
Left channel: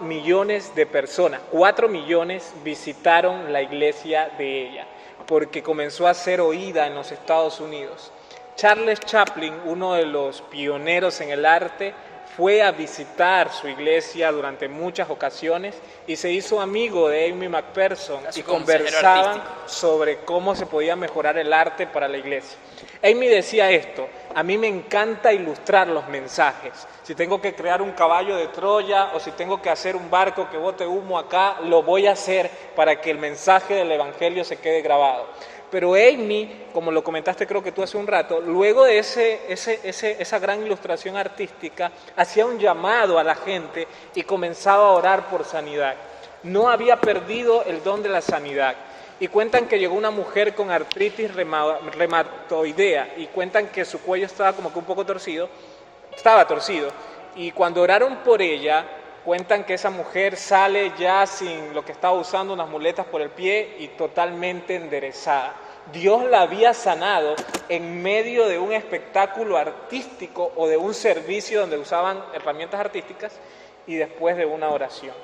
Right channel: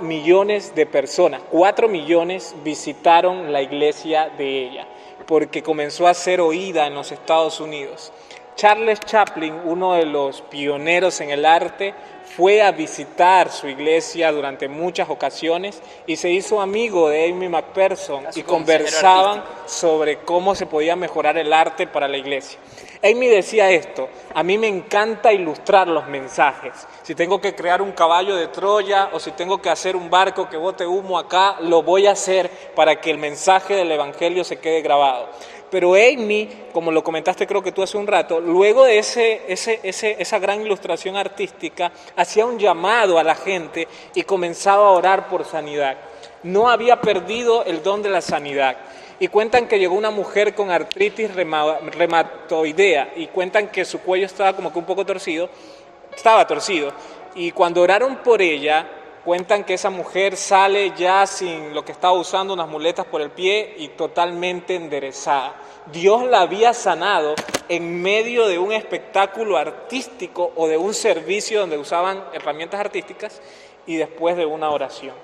millones de personas, 4 millones visitaron la iglesia de ella, porque comenzó a ser oída en los Estados Unidos. Charles Chaplin, uno de los pioneros en el arte, fue a visitar su iglesia durante muchas ocasiones y se hizo amigo de Amy Macpherson y conversaban sobre cómo se podía mejorar el arte para la iglesia. Amy decía esto: a mí me encanta ilustrar los mensajes. Si tengo que crear un caballo de Troya o si tengo que hacer un barco que bote humo acá, lo voy a hacer para que el mensaje del evangelio se quede grabado. Pero Amy, como lo comentaste creo que tú hace un rato, luego de esa gran ilustración artística, hacía un llamado a la gente y comenzaba a orar por sanidad. No había perdido el don de la sanidad. Y cuentan que llegó una mujer con artritis reumatoidea y cuentan que su cuello estaba como que un poco torcido, y cuando oraron por ella, cuentan que esa mujer sale ya sin lo que estaba usando, unas muletas por el pie y totalmente enderezada. Dios la había sanado en medio de un espectáculo artístico o de un servicio donde usaban herramientas artísticas y después de una oración.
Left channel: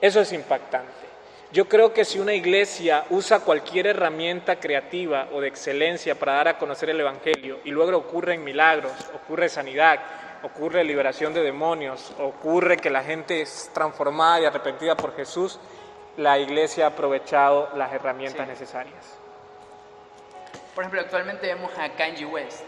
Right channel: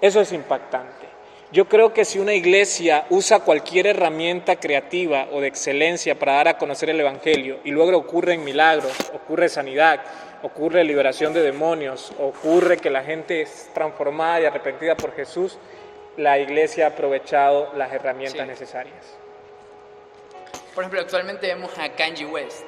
Eso es impactante. Yo creo que si una iglesia usa cualquier herramienta creativa o de excelencia para dar a conocer el evangelio y luego ocurren milagros, ocurre sanidad, ocurre liberación de demonios, ocurre que la gente es transformada y arrepentida por Jesús, la iglesia ha aprovechado las herramientas necesarias. Por ejemplo, actualmente vemos a Kanye West.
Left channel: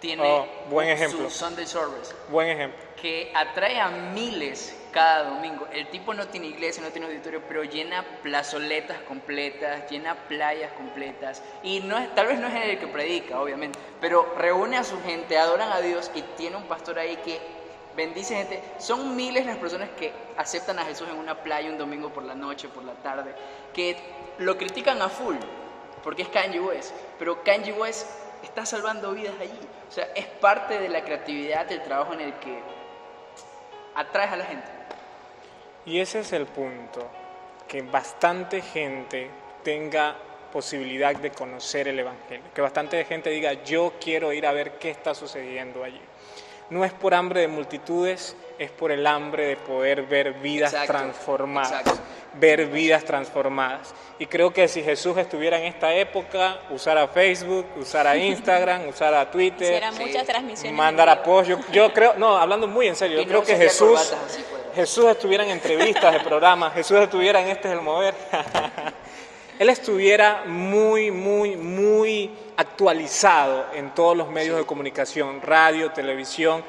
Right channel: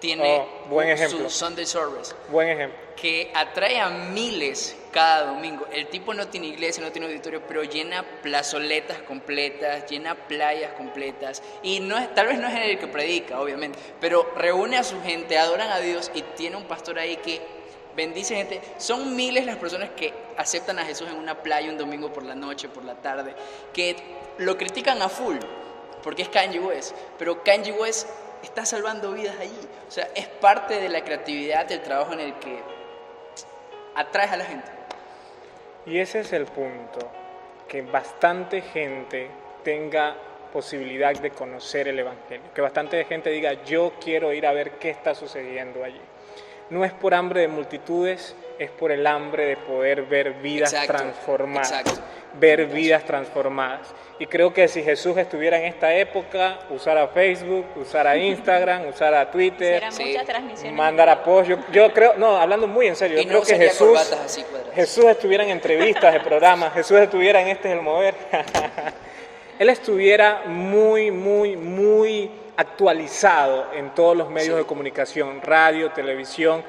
Tiene buen ejemplo. su Sunday Service. Buen ejemplo. Que atrae a miles cada domingo. El tipo no tiene iglesia, no tiene auditorio, pero llena plazoletas completas, llena playas completas. Y tal vez no es él el que predica, obviamente, pero reúne a su gente, adoran a Dios y tiene un pastor ahí que bendice gente. Son miles las personas que aceptan a Jesús en una playa un domingo por la noche, por la tarde, que lo critican a full, porque es Kanye West, pero Kanye West está salvando vidas allí. O sea, es parte de la creatividad, del trabajo en el que atraes a la gente. Y ese es el punto, que bastante gente tenga posibilidad de conocer el evangelio, que bastante gente diga: yo quiero ir a ver qué está sucediendo allí. No es por hambre de multitudes, es por el hambre de poder ver vidas transformadas. Ver vidas transformadas. Y creo que si Jesús estuviera en esta época, usara Facebook, usara Instagram, usara Twitter, muchas transmisiones, mandar apoyo. Yo creo, no, hablando muy en serio, yo creo que Jesús estuviera en entrevistas de programas, Jesús estuviera en Este es el Mover. Él estuviera muy actualizado en todos los medios de comunicación, radio, televisión,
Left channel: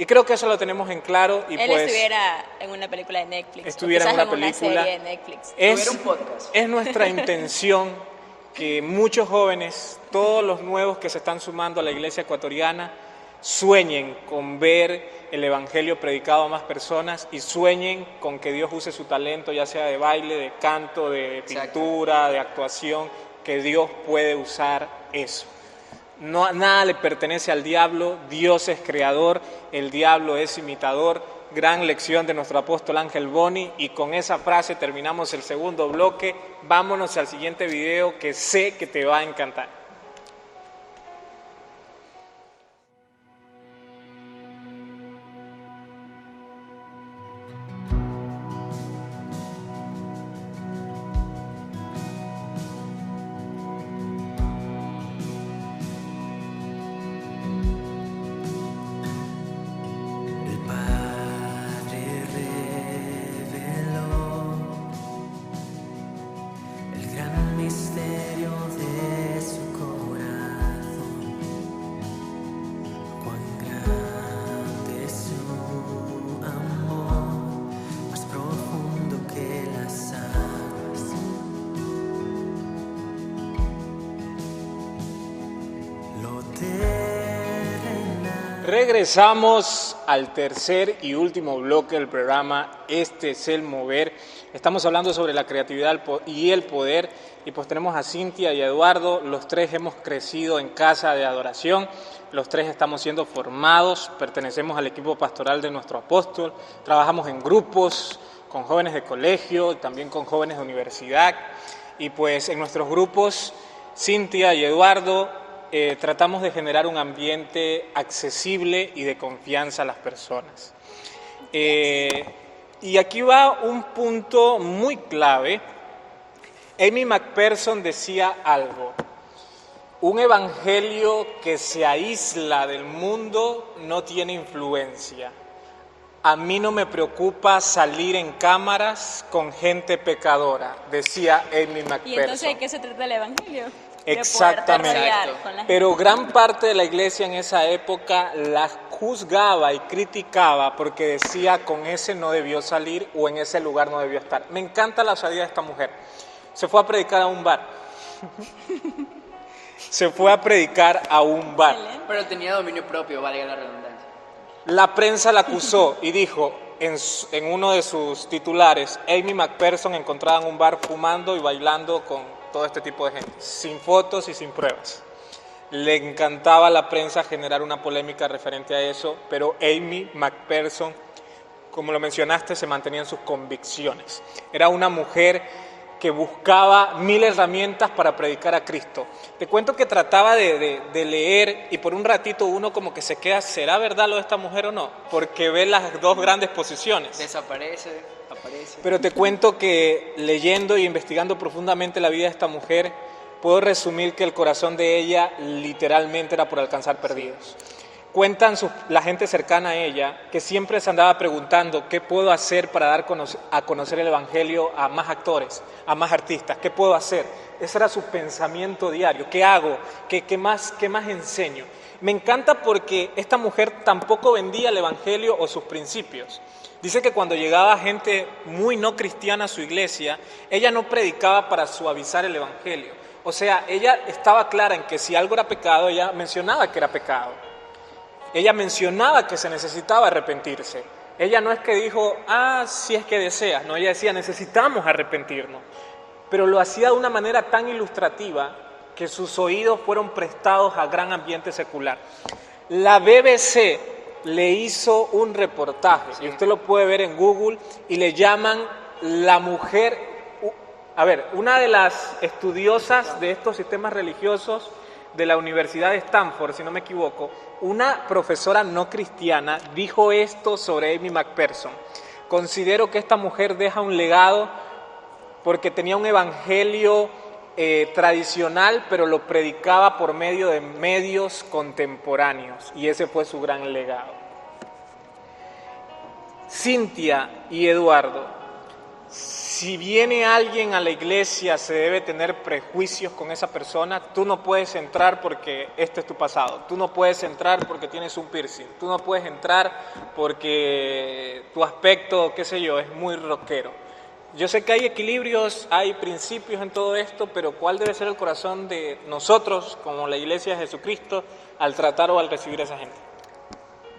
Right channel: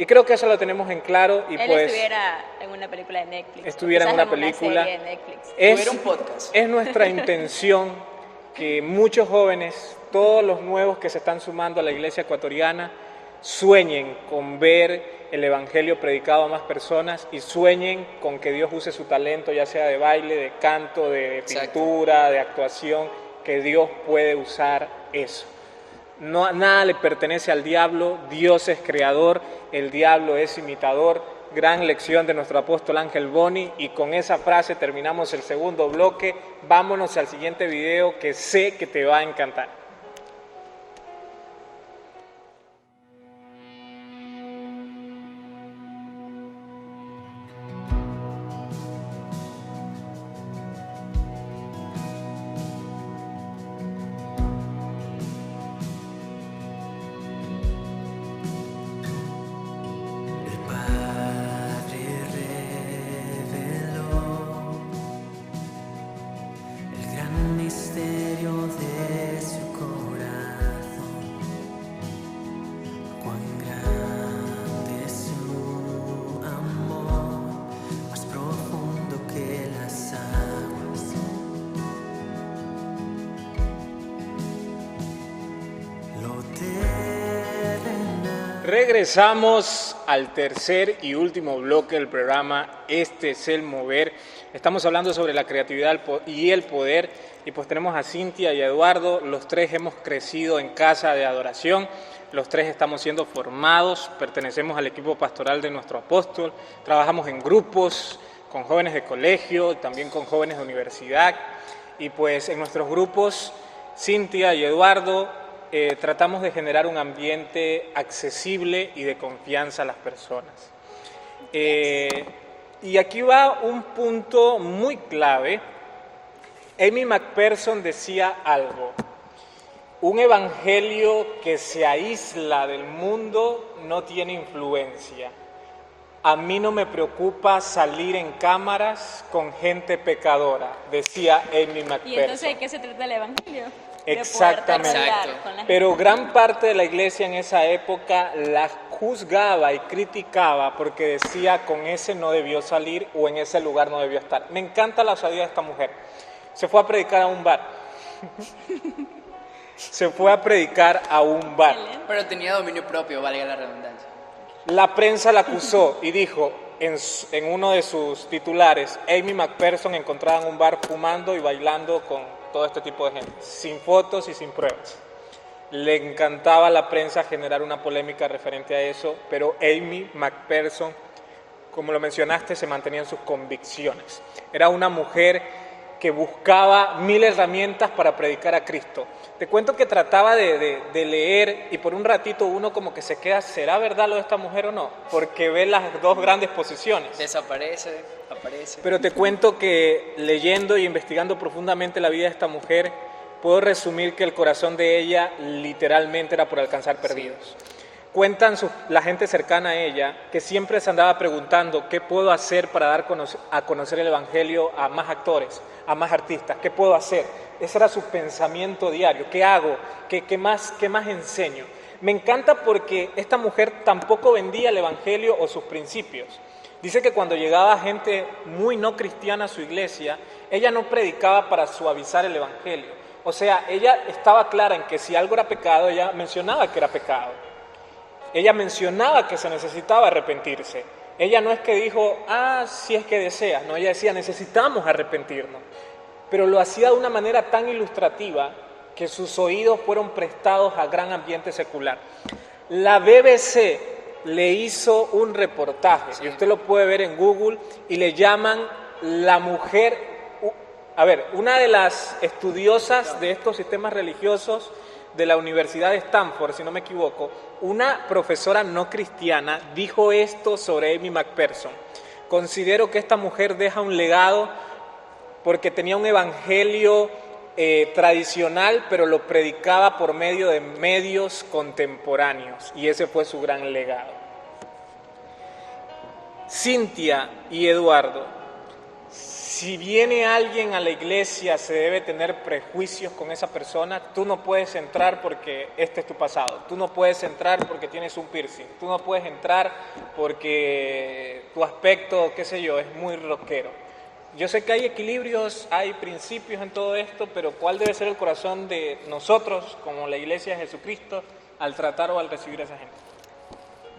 y creo que eso lo tenemos en claro. Y él estuviera en una película de Netflix. Estuviera en una película. Serie de Netflix. Es nuestra intención que muchos jóvenes, todos los nuevos que se están sumando a la iglesia ecuatoriana, sueñen con ver el evangelio predicado a más personas y sueñen con que Dios use su talento, ya sea de baile, de canto, de pintura, de actuación, que Dios puede usar eso. No, nada le pertenece al diablo, Dios es creador, el diablo es imitador. Gran lección de nuestro apóstol Ángel Boni, y con esa frase terminamos el segundo bloque. Vámonos al siguiente video que sé que te va a encantar. Misterio de su corazón, cuán grande es su amor, más profundo que las aguas. lo terrenal. Regresamos al tercer y último bloque del programa. Este es el mover. Estamos hablando sobre la creatividad y el poder. Y pues tenemos a Cintia y a Eduardo. Los tres hemos crecido en casa de adoración. Los tres estamos siendo formados. Pertenecemos al equipo pastoral de nuestro apóstol. Trabajamos en grupos con jóvenes de colegio, también con jóvenes de universidad. Y pues en nuestros grupos, Cintia y Eduardo, tratamos de generar un ambiente accesible y de confianza a las personas. Y aquí va un punto muy clave. Amy McPherson decía algo: un evangelio que se aísla del mundo no tiene influencia. A mí no me preocupa salir en cámaras con gente pecadora, decía Amy McPherson. ¿Y entonces de qué se trata el evangelio? Exactamente. Exacto. Pero gran parte de la iglesia en esa época la juzgaba y criticaba porque decía: con ese no debió salir o en ese lugar no debió estar. Me encanta la osadía de esta mujer. Se fue a predicar a un bar. Se fue a predicar a un bar. Pero tenía dominio propio, valga la redundancia. La prensa la acusó y dijo en uno de sus titulares: Amy McPherson encontrada en un bar fumando y bailando con todo este tipo de gente, sin fotos y sin pruebas. Le encantaba a la prensa generar una polémica referente a eso, pero Amy McPherson, como lo mencionaste, se mantenía en sus convicciones. Era una mujer que buscaba 1000 herramientas para predicar a Cristo. Te cuento que trataba de leer y por un ratito uno como que se queda: ¿será verdad lo de esta mujer o no? Porque ve las dos grandes posiciones. Desaparece, aparece. Pero te cuento que leyendo e investigando profundamente la vida de esta mujer, puedo resumir que el corazón de ella literalmente era por alcanzar perdidos. Cuentan la gente cercana a ella que siempre se andaba preguntando: ¿qué puedo hacer para dar a conocer el evangelio a más actores, a más artistas? ¿Qué puedo hacer? Ese era su pensamiento diario. ¿Qué hago? ¿Qué más enseño? Me encanta porque esta mujer tampoco vendía el evangelio o sus principios. Dice que cuando llegaba gente muy no cristiana a su iglesia, ella no predicaba para suavizar el evangelio. O sea, ella estaba clara en que si algo era pecado, ella mencionaba que era pecado. Ella mencionaba que se necesitaba arrepentirse. Ella no es que dijo: si es que deseas. No, ella decía: necesitamos arrepentirnos. Pero lo hacía de una manera tan ilustrativa que sus oídos fueron prestados a gran ambiente secular. La BBC le hizo un reportaje, y usted lo puede ver en Google, y le llaman la mujer... una de las estudiosas de estos sistemas religiosos de la Universidad de Stanford, si no me equivoco, una profesora no cristiana dijo esto sobre Amy McPherson: considero que esta mujer deja un legado porque tenía un evangelio tradicional, pero lo predicaba por medio de medios contemporáneos, y ese fue su gran legado. Cintia y Eduardo, si viene alguien a la iglesia, se debe tener prejuicios con esa persona. Tú no puedes entrar porque este es tu pasado. Tú no puedes entrar porque tienes un piercing. Tú no puedes entrar porque tu aspecto, qué sé yo, es muy rockero. Yo sé que hay equilibrios, hay principios en todo esto, pero ¿cuál debe ser el corazón de nosotros, como la iglesia de Jesucristo, al tratar o al recibir a esa gente?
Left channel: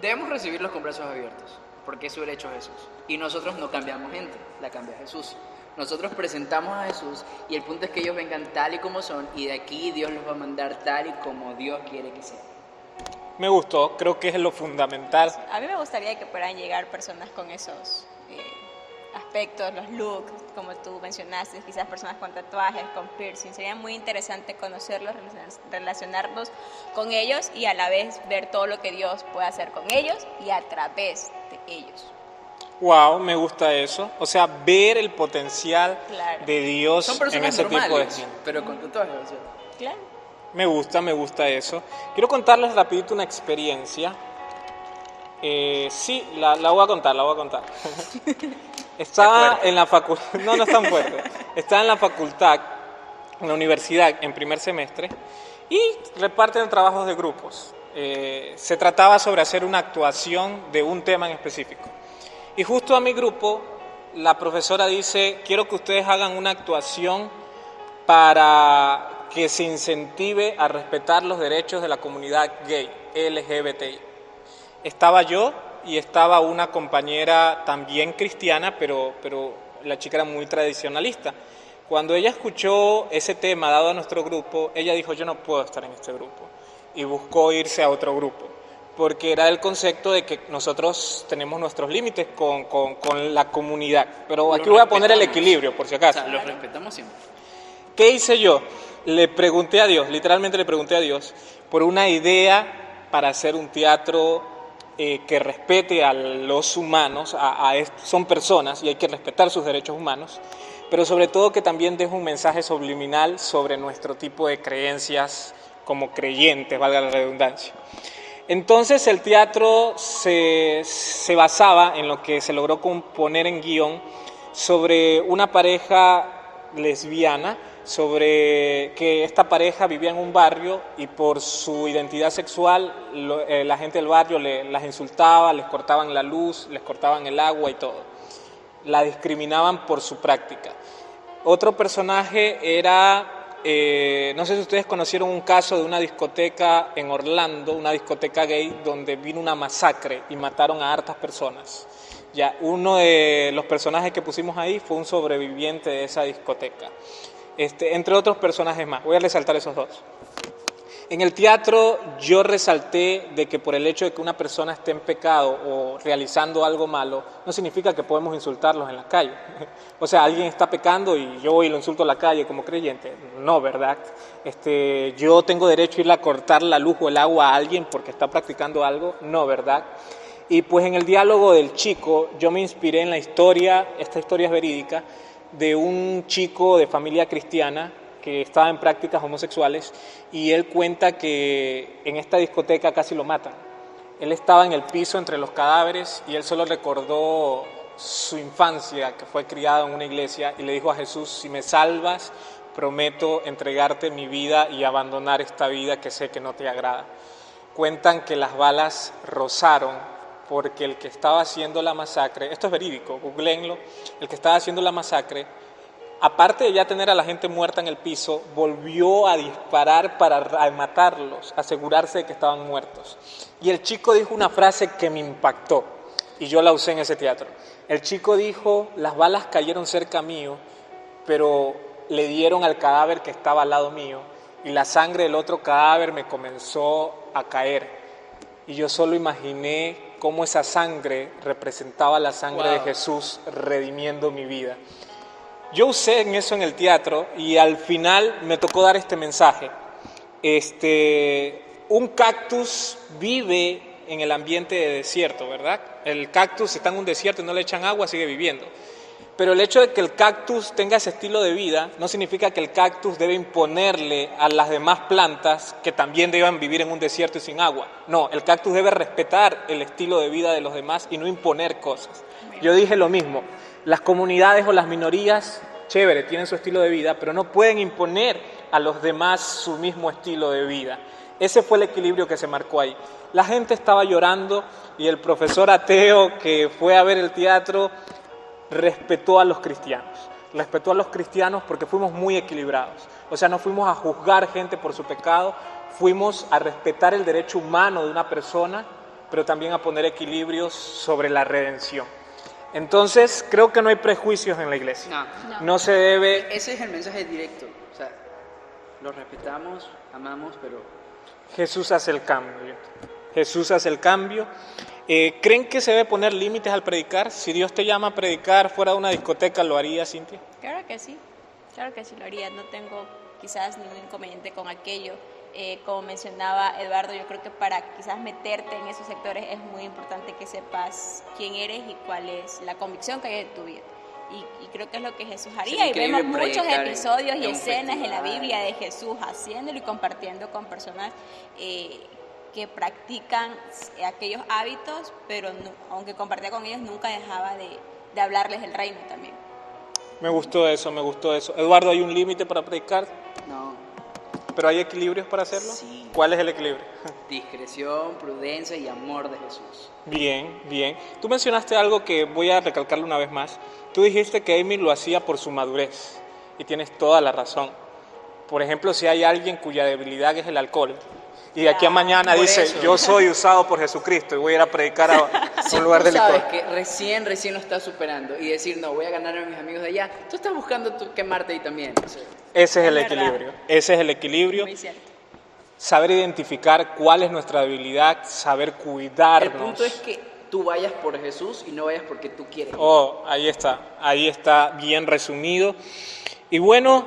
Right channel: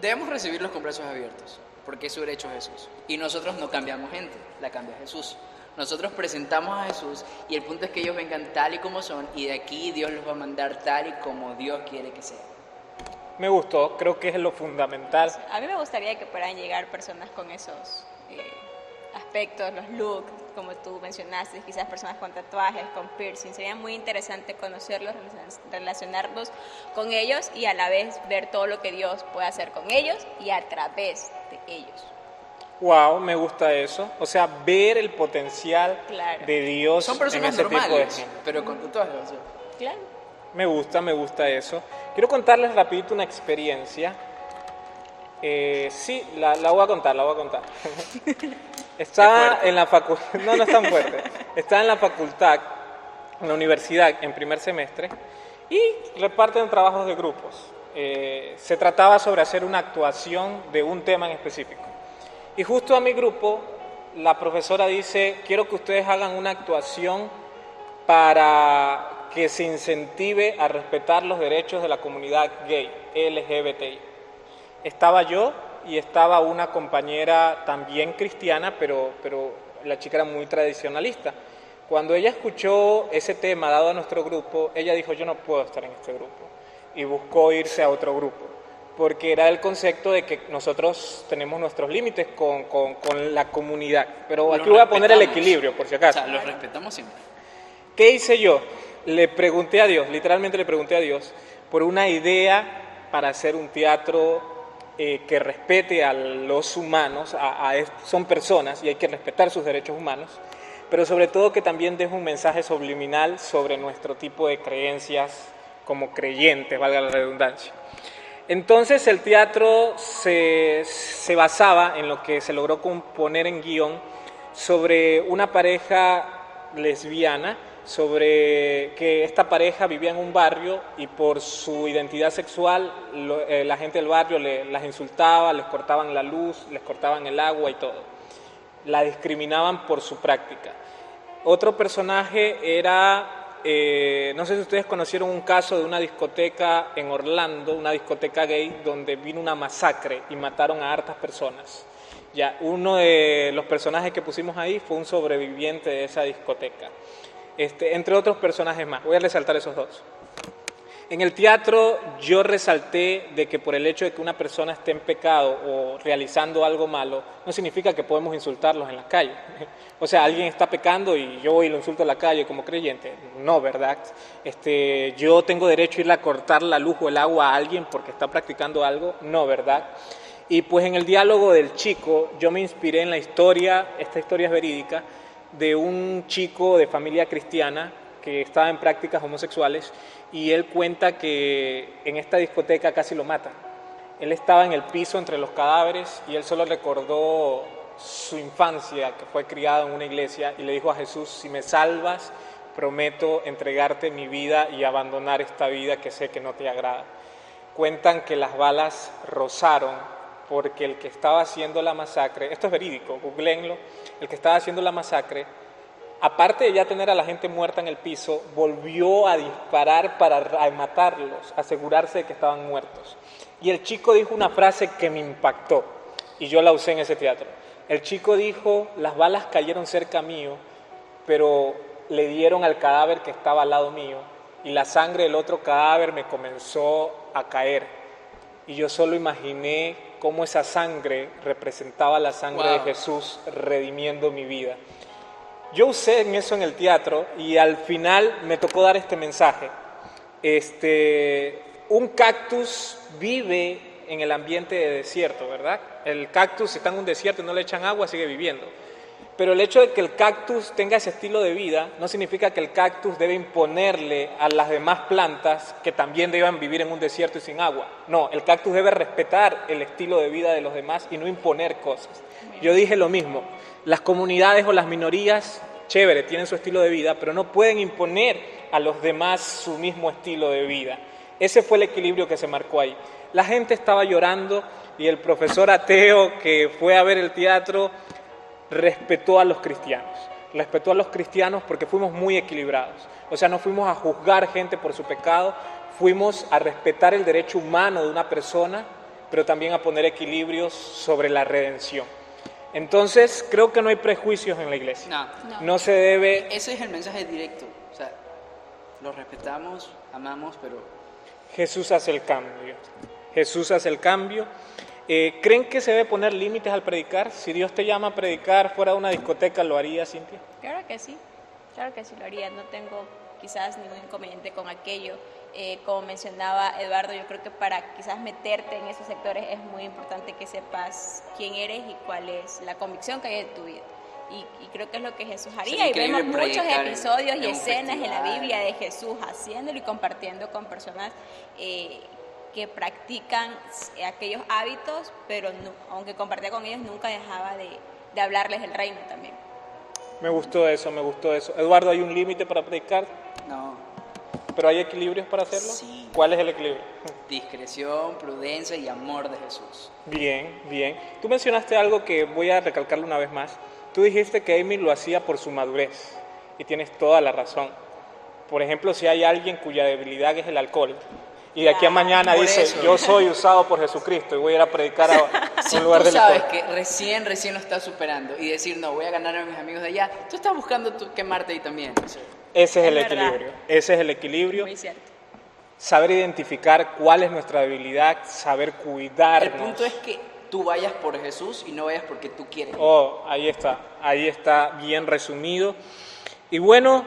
Debemos recibirlos con brazos abiertos, porque eso lo ha hecho Jesús. Y nosotros no cambiamos gente, la cambia Jesús. Nosotros presentamos a Jesús y el punto es que ellos vengan tal y como son, y de aquí Dios los va a mandar tal y como Dios quiere que sea. Me gustó, creo que es lo fundamental. A mí me gustaría que puedan llegar personas con esos aspectos, los looks, como tú mencionaste, quizás personas con tatuajes, con piercing. Sería muy interesante conocerlos, relacionarnos con ellos y a la vez ver todo lo que Dios puede hacer con ellos y a través de ellos. Wow, me gusta eso. O sea, ver el potencial de Dios son en personas ese normales, tipo de gente. pero con tatuajes. O sea. Claro. Me gusta eso. Quiero contarles rapidito una experiencia. Sí, la voy a contar. Estaba en la facultad, no es tan fuerte. Estaba en la facultad, en la universidad, en primer semestre, y reparten trabajos de grupos. Se trataba sobre hacer una actuación de un tema en específico. Y justo a mi grupo, la profesora dice: quiero que ustedes hagan una actuación para que se incentive a respetar los derechos de la comunidad gay, LGBTI. Estaba yo y estaba una compañera también cristiana, pero la chica era muy tradicionalista. Cuando ella escuchó ese tema dado a nuestro grupo, ella dijo, yo no puedo estar en este grupo, y buscó irse a otro grupo, porque era el concepto de que nosotros tenemos nuestros límites con la comunidad. Pero aquí voy a poner el equilibrio, por si acaso. O sea, los respetamos siempre. ¿Qué hice yo? Le pregunté a Dios, literalmente le pregunté a Dios, por una idea para hacer un teatro que respete a los humanos, son personas y hay que respetar sus derechos humanos, pero sobre todo que también deje un mensaje subliminal sobre nuestro tipo de creencias como creyentes, valga la redundancia. Entonces el teatro se basaba en lo que se logró componer en guión sobre una pareja lesbiana, sobre que esta pareja vivía en un barrio y por su identidad sexual la gente del barrio las insultaba, les cortaban la luz, les cortaban el agua y todo. La discriminaban por su práctica. Otro personaje era, no sé si ustedes conocieron un caso de una discoteca en Orlando, una discoteca gay, donde vino una masacre y mataron a hartas personas. Ya, uno de los personajes que pusimos ahí fue un sobreviviente de esa discoteca. Entre otros personajes más. Voy a resaltar esos dos. En el teatro yo resalté de que por el hecho de que una persona esté en pecado o realizando algo malo, no significa que podemos insultarlos en la calle. O sea, alguien está pecando y yo voy y lo insulto en la calle como creyente. No, ¿verdad? Yo tengo derecho a irle a cortar la luz o el agua a alguien porque está practicando algo. No, ¿verdad? Y pues en el diálogo del chico yo me inspiré en la historia, esta historia es verídica, de un chico de familia cristiana que estaba en prácticas homosexuales y él cuenta que en esta discoteca casi lo matan. Él estaba en el piso entre los cadáveres y él solo recordó su infancia, que fue criado en una iglesia, y le dijo a Jesús, si me salvas, prometo entregarte mi vida y abandonar esta vida que sé que no te agrada. Cuentan que las balas rozaron porque el que estaba haciendo la masacre, esto es verídico, googleenlo, el que estaba haciendo la masacre, aparte de ya tener a la gente muerta en el piso, volvió a disparar para matarlos, asegurarse de que estaban muertos. Y el chico dijo una frase que me impactó, y yo la usé en ese teatro. El chico dijo, las balas cayeron cerca mío, pero le dieron al cadáver que estaba al lado mío, y la sangre del otro cadáver me comenzó a caer. Y yo solo imaginé cómo esa sangre representaba la sangre de Jesús redimiendo mi vida. Yo usé en eso en el teatro y al final me tocó dar este mensaje. Un cactus vive en el ambiente de desierto, ¿verdad? El cactus, si está en un desierto y no le echan agua, sigue viviendo. Pero el hecho de que el cactus tenga ese estilo de vida no significa que el cactus debe imponerle a las demás plantas que también deban vivir en un desierto y sin agua. No, el cactus debe respetar el estilo de vida de los demás y no imponer cosas. Yo dije lo mismo, las comunidades o las minorías, chévere, tienen su estilo de vida, pero no pueden imponer a los demás su mismo estilo de vida. Ese fue el equilibrio que se marcó ahí. La gente estaba llorando y el profesor ateo que fue a ver el teatro respetó a los cristianos porque fuimos muy equilibrados. O sea, no fuimos a juzgar gente por su pecado, fuimos a respetar el derecho humano de una persona, pero también a poner equilibrios sobre la redención. Entonces, creo que no hay prejuicios en la iglesia. No se debe... Ese es el mensaje directo. O sea, lo respetamos, amamos, pero... Jesús hace el cambio. Jesús hace el cambio. ¿Creen que se debe poner límites al predicar? Si Dios te llama a predicar fuera de una discoteca, ¿lo haría, Cintia? Claro que sí lo haría. No tengo quizás ningún inconveniente con aquello. Como mencionaba Eduardo, yo creo que para quizás meterte en esos sectores es muy importante que sepas quién eres y cuál es la convicción que hay en tu vida. Y creo que es lo que Jesús haría. Y vemos muchos episodios y escenas en la Biblia de Jesús haciéndolo y compartiendo con personas que practican aquellos hábitos, pero no, aunque compartía con ellos, nunca dejaba de hablarles del reino también. Me gustó eso. Eduardo, ¿hay un límite para predicar? No. ¿Pero hay equilibrios para hacerlo? Sí. ¿Cuál es el equilibrio? Discreción, prudencia y amor de Jesús. Bien. Tú mencionaste algo que voy a recalcarlo una vez más. Tú dijiste que Amy lo hacía por su madurez, y tienes toda la razón. Por ejemplo, si hay alguien cuya debilidad es el alcohol, y de aquí a mañana por dice, eso. yo soy usado por Jesucristo y voy a ir a predicar a Si un lugar tú de sabes licor. que recién lo estás superando y decir, no, voy a ganar a mis amigos de allá, tú estás buscando quemarte ahí también. O sea, Ese es el Es verdad. equilibrio, ese es el equilibrio. Muy cierto. Saber identificar cuál es nuestra debilidad, saber cuidarnos. el punto es que tú vayas por Jesús y no vayas porque tú quieres. Oh, ahí está bien resumido. Y bueno,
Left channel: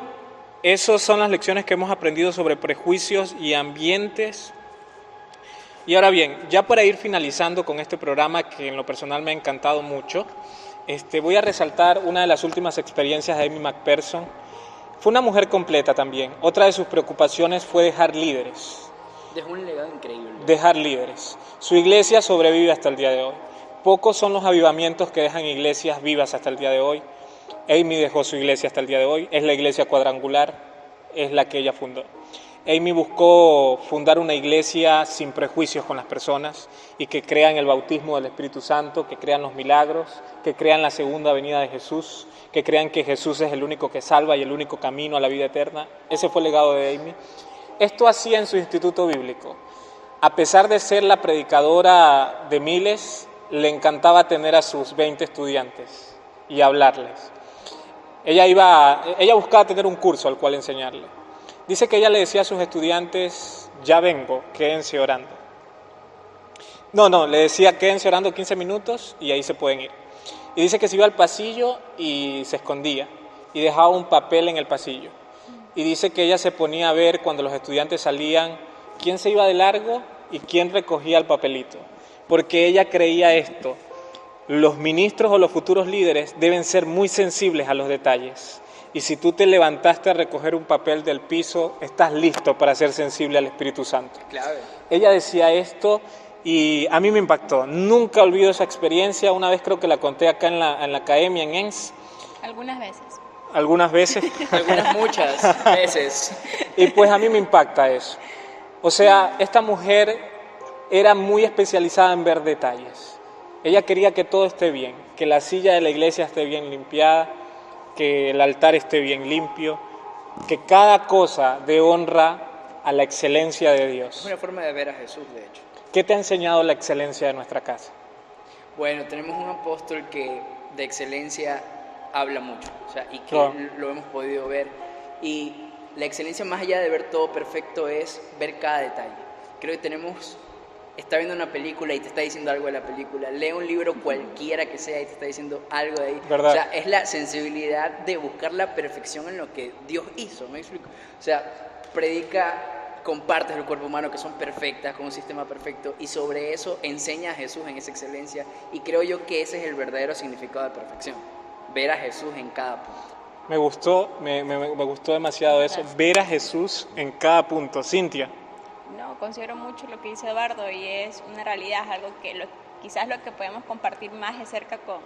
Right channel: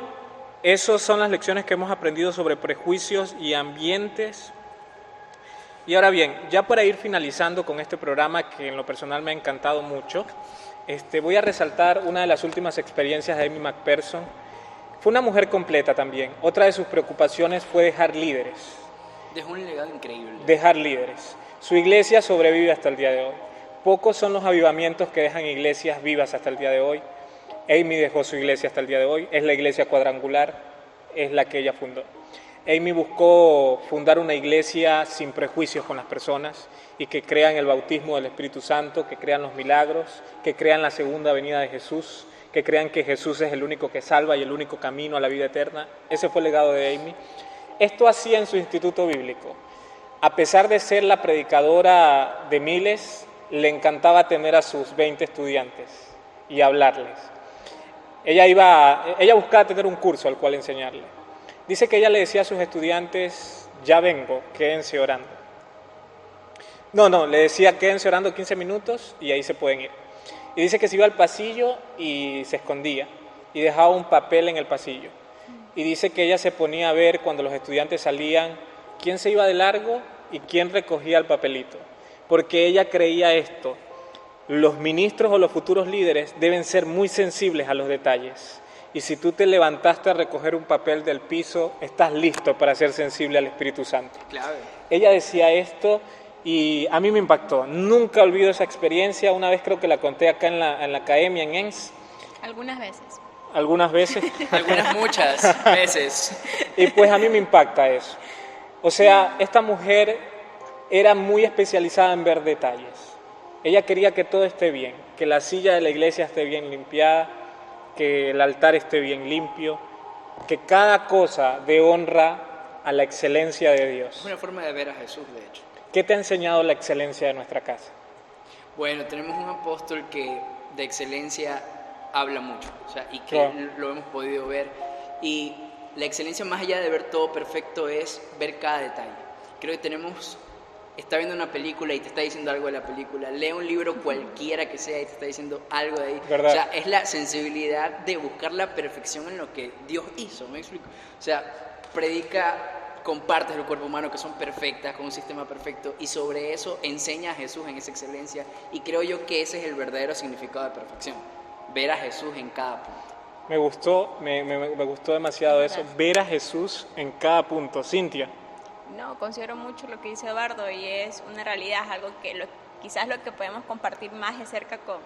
esas son las lecciones que hemos aprendido sobre prejuicios y ambientes. Y ahora bien, ya para ir finalizando con este programa que en lo personal me ha encantado mucho, voy a resaltar una de las últimas experiencias de Amy McPherson. Fue una mujer completa también. Otra de sus preocupaciones fue dejar líderes. Dejó un legado increíble. Dejar líderes. Su iglesia sobrevive hasta el día de hoy. Pocos son los avivamientos que dejan iglesias vivas hasta el día de hoy. Amy dejó su iglesia hasta el día de hoy. Es la iglesia cuadrangular, es la que ella fundó. Amy buscó fundar una iglesia sin prejuicios con las personas y que crean el bautismo del Espíritu Santo, que crean los milagros, que crean la segunda venida de Jesús, que crean que Jesús es el único que salva y el único camino a la vida eterna. Ese fue el legado de Amy. Esto hacía en su instituto bíblico. A pesar de ser la predicadora de miles, le encantaba tener a sus 20 estudiantes y hablarles. Ella buscaba tener un curso al cual enseñarle. Dice que ella le decía a sus estudiantes, ya vengo, quédense orando. No, le decía, quédense orando 15 minutos y ahí se pueden ir. Y dice que se iba al pasillo y se escondía y dejaba un papel en el pasillo. Y dice que ella se ponía a ver cuando los estudiantes salían quién se iba de largo y quién recogía el papelito. Porque ella creía esto, los ministros o los futuros líderes deben ser muy sensibles a los detalles. Y si tú te levantaste a recoger un papel del piso, estás listo para ser sensible al Espíritu Santo. Clave. Ella decía esto y a mí me impactó. Nunca olvido esa experiencia. Una vez creo que la conté acá en la academia, en ENS, Algunas veces. algunas veces. Algunas muchas veces. Y pues a mí me impacta eso. O sea, esta mujer era muy especializada en ver detalles. Ella quería que todo esté bien, que la silla de la iglesia esté bien limpiada, que el altar esté bien limpio, que cada cosa dé honra a la excelencia de Es Dios. una forma de ver a Jesús, de hecho. ¿Qué te ha enseñado la excelencia de nuestra casa? Bueno, tenemos un apóstol que de excelencia habla mucho, o sea, y que Claro. lo hemos podido ver. Y la excelencia, más allá de ver todo perfecto, es ver cada detalle. Creo que está viendo una película y te está diciendo algo de la película, lee un libro cualquiera que sea y te está diciendo algo de ahí. ¿Verdad? O sea, es la sensibilidad de buscar la perfección en lo que Dios hizo, ¿me explico? O sea, predica con partes del cuerpo humano que son perfectas, con un sistema perfecto, y sobre eso enseña a Jesús en esa excelencia, y creo yo que ese es el verdadero significado de perfección, ver a Jesús en cada punto. Me gustó demasiado eso, Gracias. ver a Jesús en cada punto. Cintia, No, considero mucho lo que dice Eduardo y es una realidad, es algo que quizás lo que podemos compartir más de cerca con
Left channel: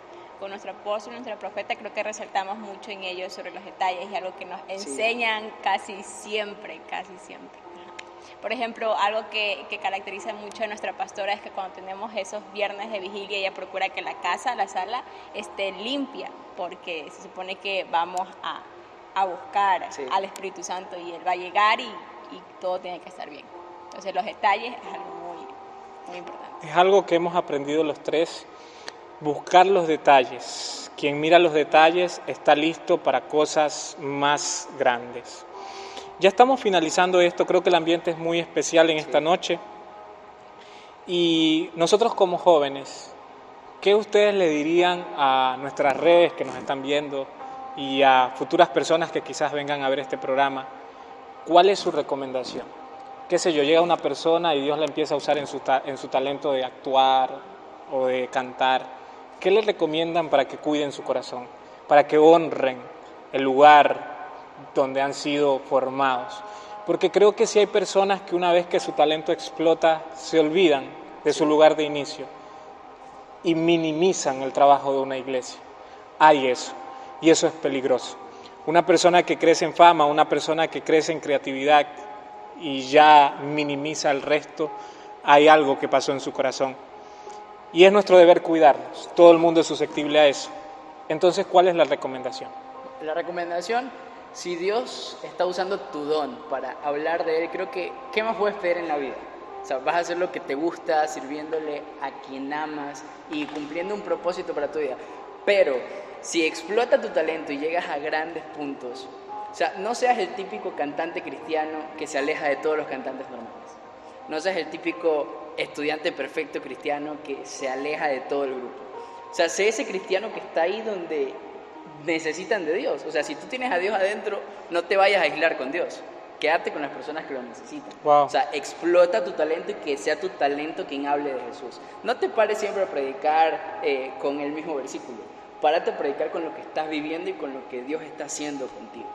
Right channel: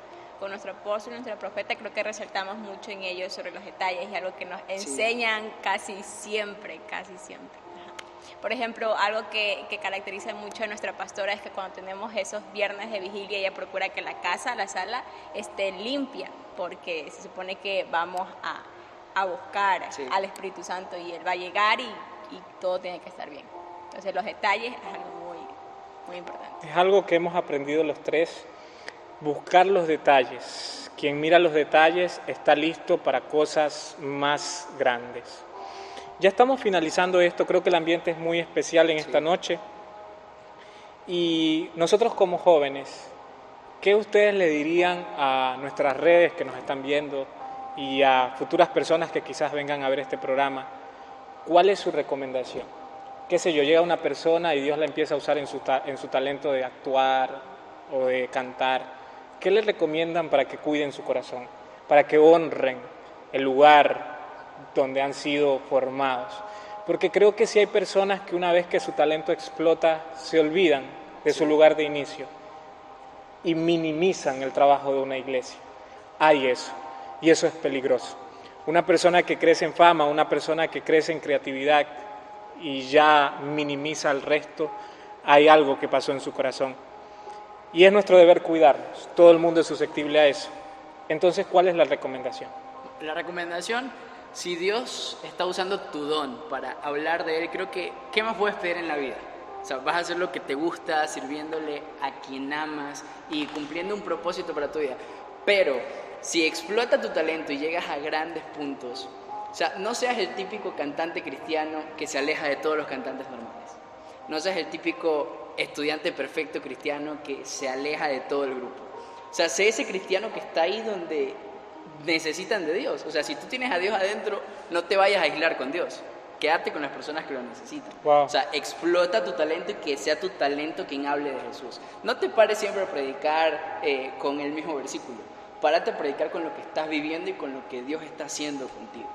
nuestro apóstol, nuestro profeta, creo que resaltamos mucho en ellos sobre los detalles y algo que nos enseñan casi siempre. Ajá. Por ejemplo, algo que caracteriza mucho a nuestra pastora es que cuando tenemos esos viernes de vigilia, ella procura que la casa, la sala, esté limpia, porque se supone que vamos a buscar Sí. al Espíritu Santo y Él va a llegar y todo tiene que estar bien. Entonces los detalles es algo muy, muy importante. es algo que hemos aprendido los tres, buscar los detalles. Quien mira los detalles está listo para cosas más grandes. Ya estamos finalizando esto, creo que el ambiente es muy especial en esta noche. Y nosotros como jóvenes, ¿qué ustedes le dirían a nuestras redes que nos están viendo y a futuras personas que quizás vengan a ver este programa? ¿Cuál es su recomendación? Qué sé yo, llega una persona y Dios la empieza a usar en su talento de actuar o de cantar. ¿Qué le recomiendan para que cuiden su corazón? Para que honren el lugar donde han sido formados. Porque creo que sí hay personas que una vez que su talento explota, se olvidan de su lugar de inicio y minimizan el trabajo de una iglesia. Hay eso, y eso es peligroso. Una persona que crece en fama, una persona que crece en creatividad y ya minimiza al resto, hay algo que pasó en su corazón. Y es nuestro deber cuidarnos. Todo el mundo es susceptible a eso. Entonces, ¿cuál es la recomendación? La recomendación si Dios está usando tu don para hablar de Él, creo que ¿qué más puedes pedir en la vida? O sea, vas a hacer lo que te gusta, sirviéndole a quien amas y cumpliendo un propósito para tu vida. Pero si explota tu talento y llegas a grandes puntos, o sea, no seas el típico cantante cristiano que se aleja de todos los cantantes normales. No seas el típico estudiante perfecto cristiano que se aleja de todo el grupo. O sea, sé ese cristiano que está ahí donde necesitan de Dios. O sea, si tú tienes a Dios adentro, no te vayas a aislar con Dios. Quédate con las personas que lo necesitan. Wow. O sea, explota tu talento y que sea tu talento quien hable de Jesús. No te pares siempre a predicar con el mismo versículo. Párate a predicar con lo que estás viviendo y con lo que Dios está haciendo contigo.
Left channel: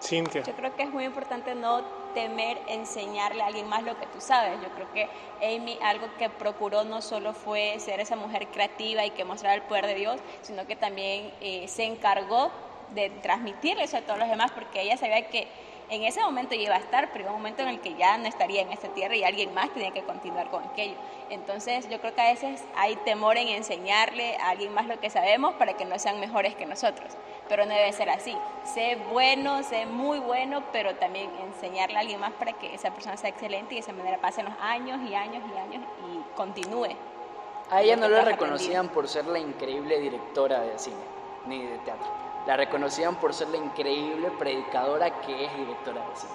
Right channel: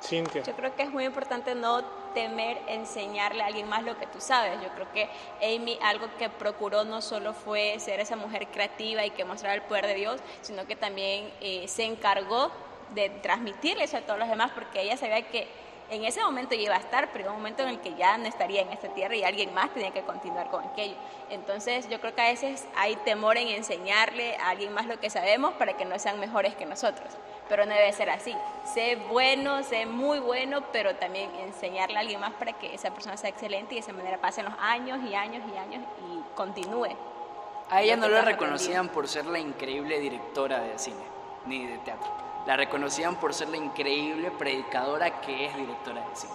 Cintia. Yo creo que es muy importante no temer enseñarle a alguien más lo que tú sabes. Yo creo que Amy algo que procuró no solo fue ser esa mujer creativa y que mostrara el poder de Dios, sino que también se encargó de transmitirle eso a todos los demás, porque ella sabía que en ese momento iba a estar, pero iba un momento en el que ya no estaría en esta tierra y alguien más tenía que continuar con aquello. Entonces yo creo que a veces hay temor en enseñarle a alguien más lo que sabemos para que no sean mejores que nosotros, pero no debe ser así. Sé bueno, sé muy bueno, pero también enseñarle a alguien más para que esa persona sea excelente y de esa manera pasen los años y años y años y continúe. A ella no Lo que la tú has reconocían por ser la increíble directora de cine, ni de teatro. La reconocían por ser la increíble predicadora que es directora de cine.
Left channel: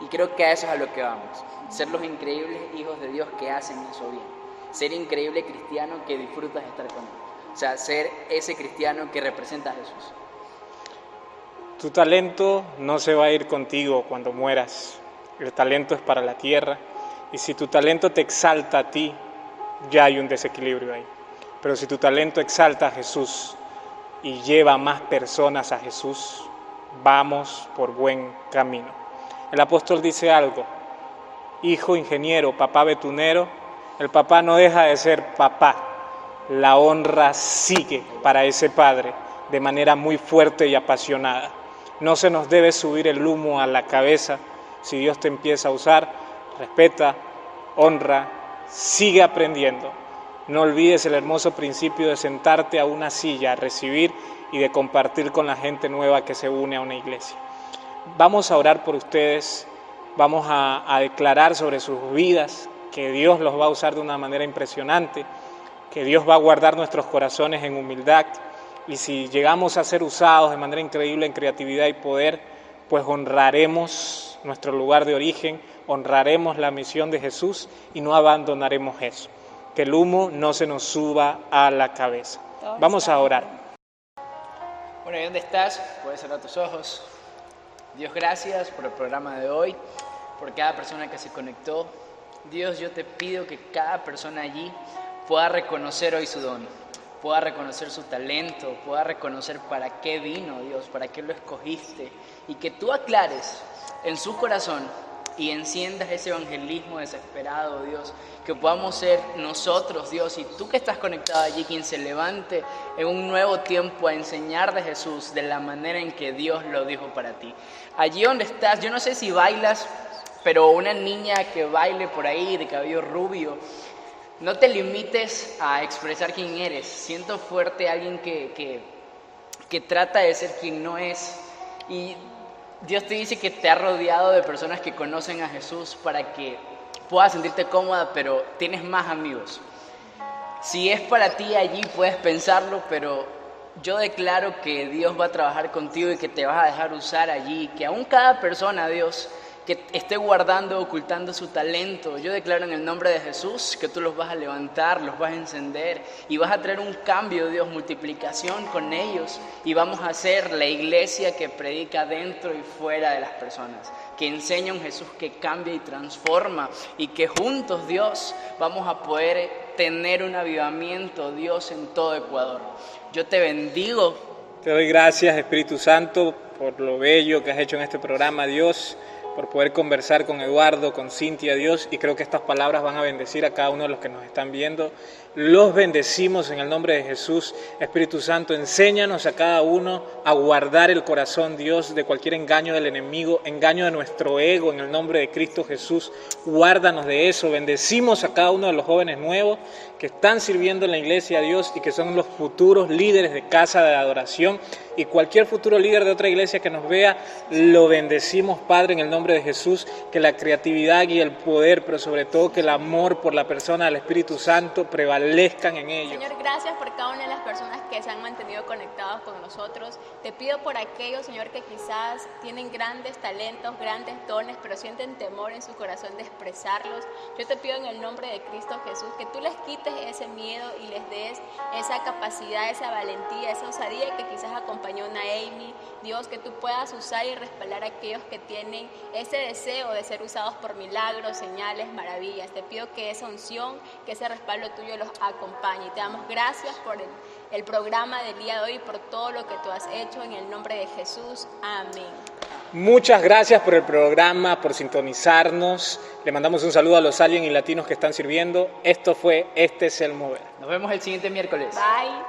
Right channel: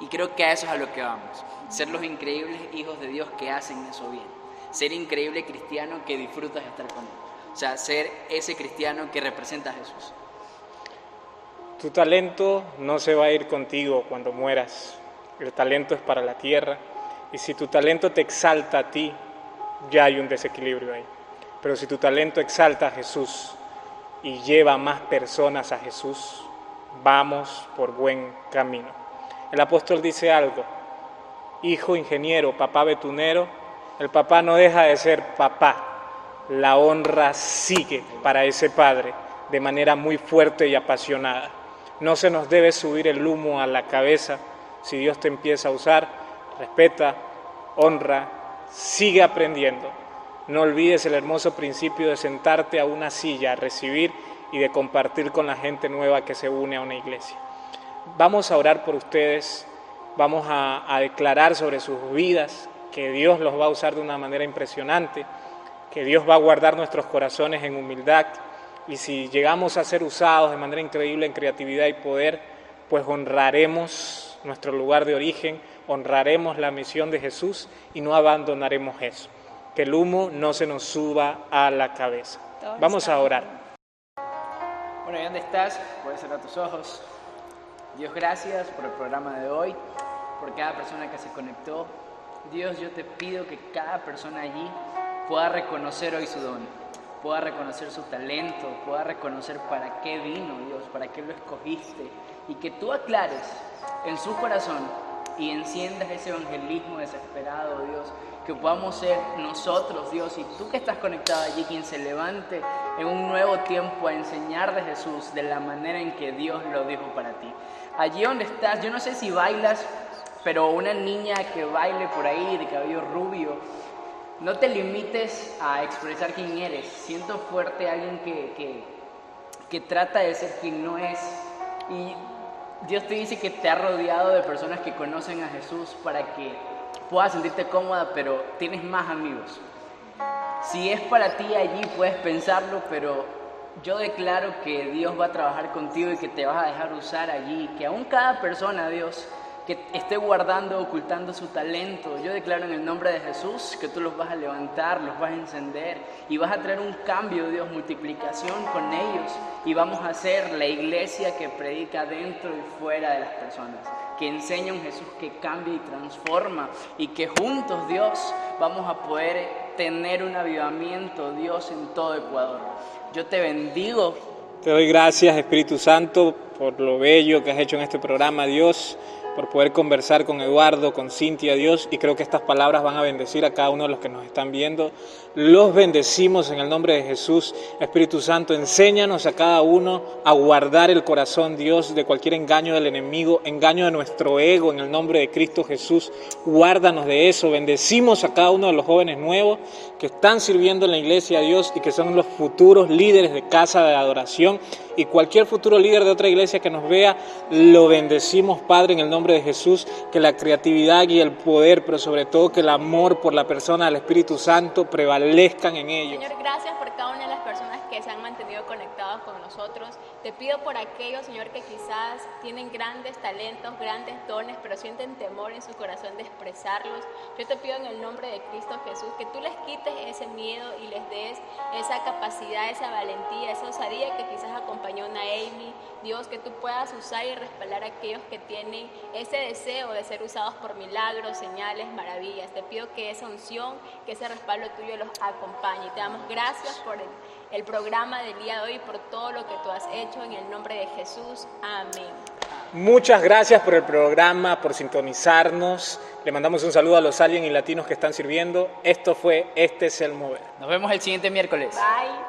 Y creo que a eso es a lo que vamos. Ser los increíbles hijos de Dios que hacen eso bien. Ser increíble cristiano que disfrutas de estar con Él. O sea, ser ese cristiano que representa a Jesús. Tu talento no se va a ir contigo cuando mueras. El talento es para la tierra. Y si tu talento te exalta a ti, ya hay un desequilibrio ahí. Pero si tu talento exalta a Jesús y lleva a más personas a Jesús, vamos por buen camino. El apóstol dice algo: hijo ingeniero, papá betunero. El papá no deja de ser papá. La honra sigue para ese padre de manera muy fuerte y apasionada. No se nos debe subir el humo a la cabeza. Si Dios te empieza a usar, respeta, honra, sigue aprendiendo. No olvides el hermoso principio de sentarte a una silla, a recibir y de compartir con la gente nueva que se une a una iglesia. Vamos a orar por ustedes, vamos a declarar sobre sus vidas que Dios los va a usar de una manera impresionante, que Dios va a guardar nuestros corazones en humildad, y si llegamos a ser usados de manera increíble en creatividad y poder, pues honraremos nuestro lugar de origen, honraremos la misión de Jesús y no abandonaremos eso. Que el humo no se nos suba a la cabeza. Vamos a orar. Bueno, ¿y dónde estás? Puedes cerrar tus ojos. Dios, gracias por el programa de hoy, por cada persona que se conectó. Dios, yo te pido que cada persona allí pueda reconocer hoy su don, pueda reconocer su talento, pueda reconocer para qué vino, Dios, para qué lo escogiste, y que tú aclares en su corazón y enciendas ese evangelismo desesperado, Dios, que podamos ser nosotros, Dios, y tú que estás conectado allí, quien se levante en un nuevo tiempo a enseñar de Jesús de la manera en que Dios lo dijo para ti. Allí donde estás, yo no sé si bailas, pero una niña que baile por ahí de cabello rubio, no te limites a expresar quién eres. Siento fuerte a alguien que trata de ser quien no es, y Dios te dice que te ha rodeado de personas que conocen a Jesús para que puedas sentirte cómoda, pero tienes más amigos. Si es para ti, allí puedes pensarlo, pero yo declaro que Dios va a trabajar contigo y que te vas a dejar usar allí, que aún cada persona, Dios, que esté guardando, ocultando su talento, yo declaro en el nombre de Jesús que tú los vas a levantar, los vas a encender y vas a traer un cambio, Dios, multiplicación con ellos, y vamos a ser la iglesia que predica dentro y fuera de las personas, que enseña un Jesús que cambia y transforma, y que juntos, Dios, vamos a poder tener un avivamiento, Dios, en todo Ecuador. Yo te bendigo. Te doy gracias, Espíritu Santo, por lo bello que has hecho en este programa, Dios, por poder conversar con Eduardo, con Cintia, Dios, y creo que estas palabras van a bendecir a cada uno de los que nos están viendo. Los bendecimos en el nombre de Jesús. Espíritu Santo, enséñanos a cada uno a guardar el corazón, Dios, de cualquier engaño del enemigo, engaño de nuestro ego, en el nombre de Cristo Jesús. Guárdanos de eso. Bendecimos a cada uno de los jóvenes nuevos que están sirviendo en la iglesia, Dios, y que son los futuros líderes de casa de adoración. y cualquier futuro líder de otra iglesia que nos vea, lo bendecimos, Padre, en el nombre de Jesús, que la creatividad y el poder, pero sobre todo que el amor por la persona del Espíritu Santo prevalezcan en ellos. Señor, gracias por cada una de las personas que se han mantenido conectados con nosotros. Te pido por aquellos, Señor, que quizás tienen grandes talentos, grandes dones, pero sienten temor en su corazón de expresarlos. Yo te pido en el nombre de Cristo Jesús que tú les quites ese miedo y les des esa capacidad, esa valentía, esa osadía que quizás acompañó a una Amy. Dios, que tú puedas usar y respaldar a aquellos que tienen ese deseo de ser usados por milagros, señales, maravillas. Te pido que esa unción, que ese respaldo tuyo los acompañe. Te damos gracias por el programa del día de hoy, por todo lo que tú has hecho, en el nombre de Jesús. Amén. Muchas gracias por el programa, por sintonizarnos. Le mandamos un saludo a los aliens y latinos que están sirviendo. Esto fue Este es el Mover. Nos vemos el siguiente miércoles. Bye.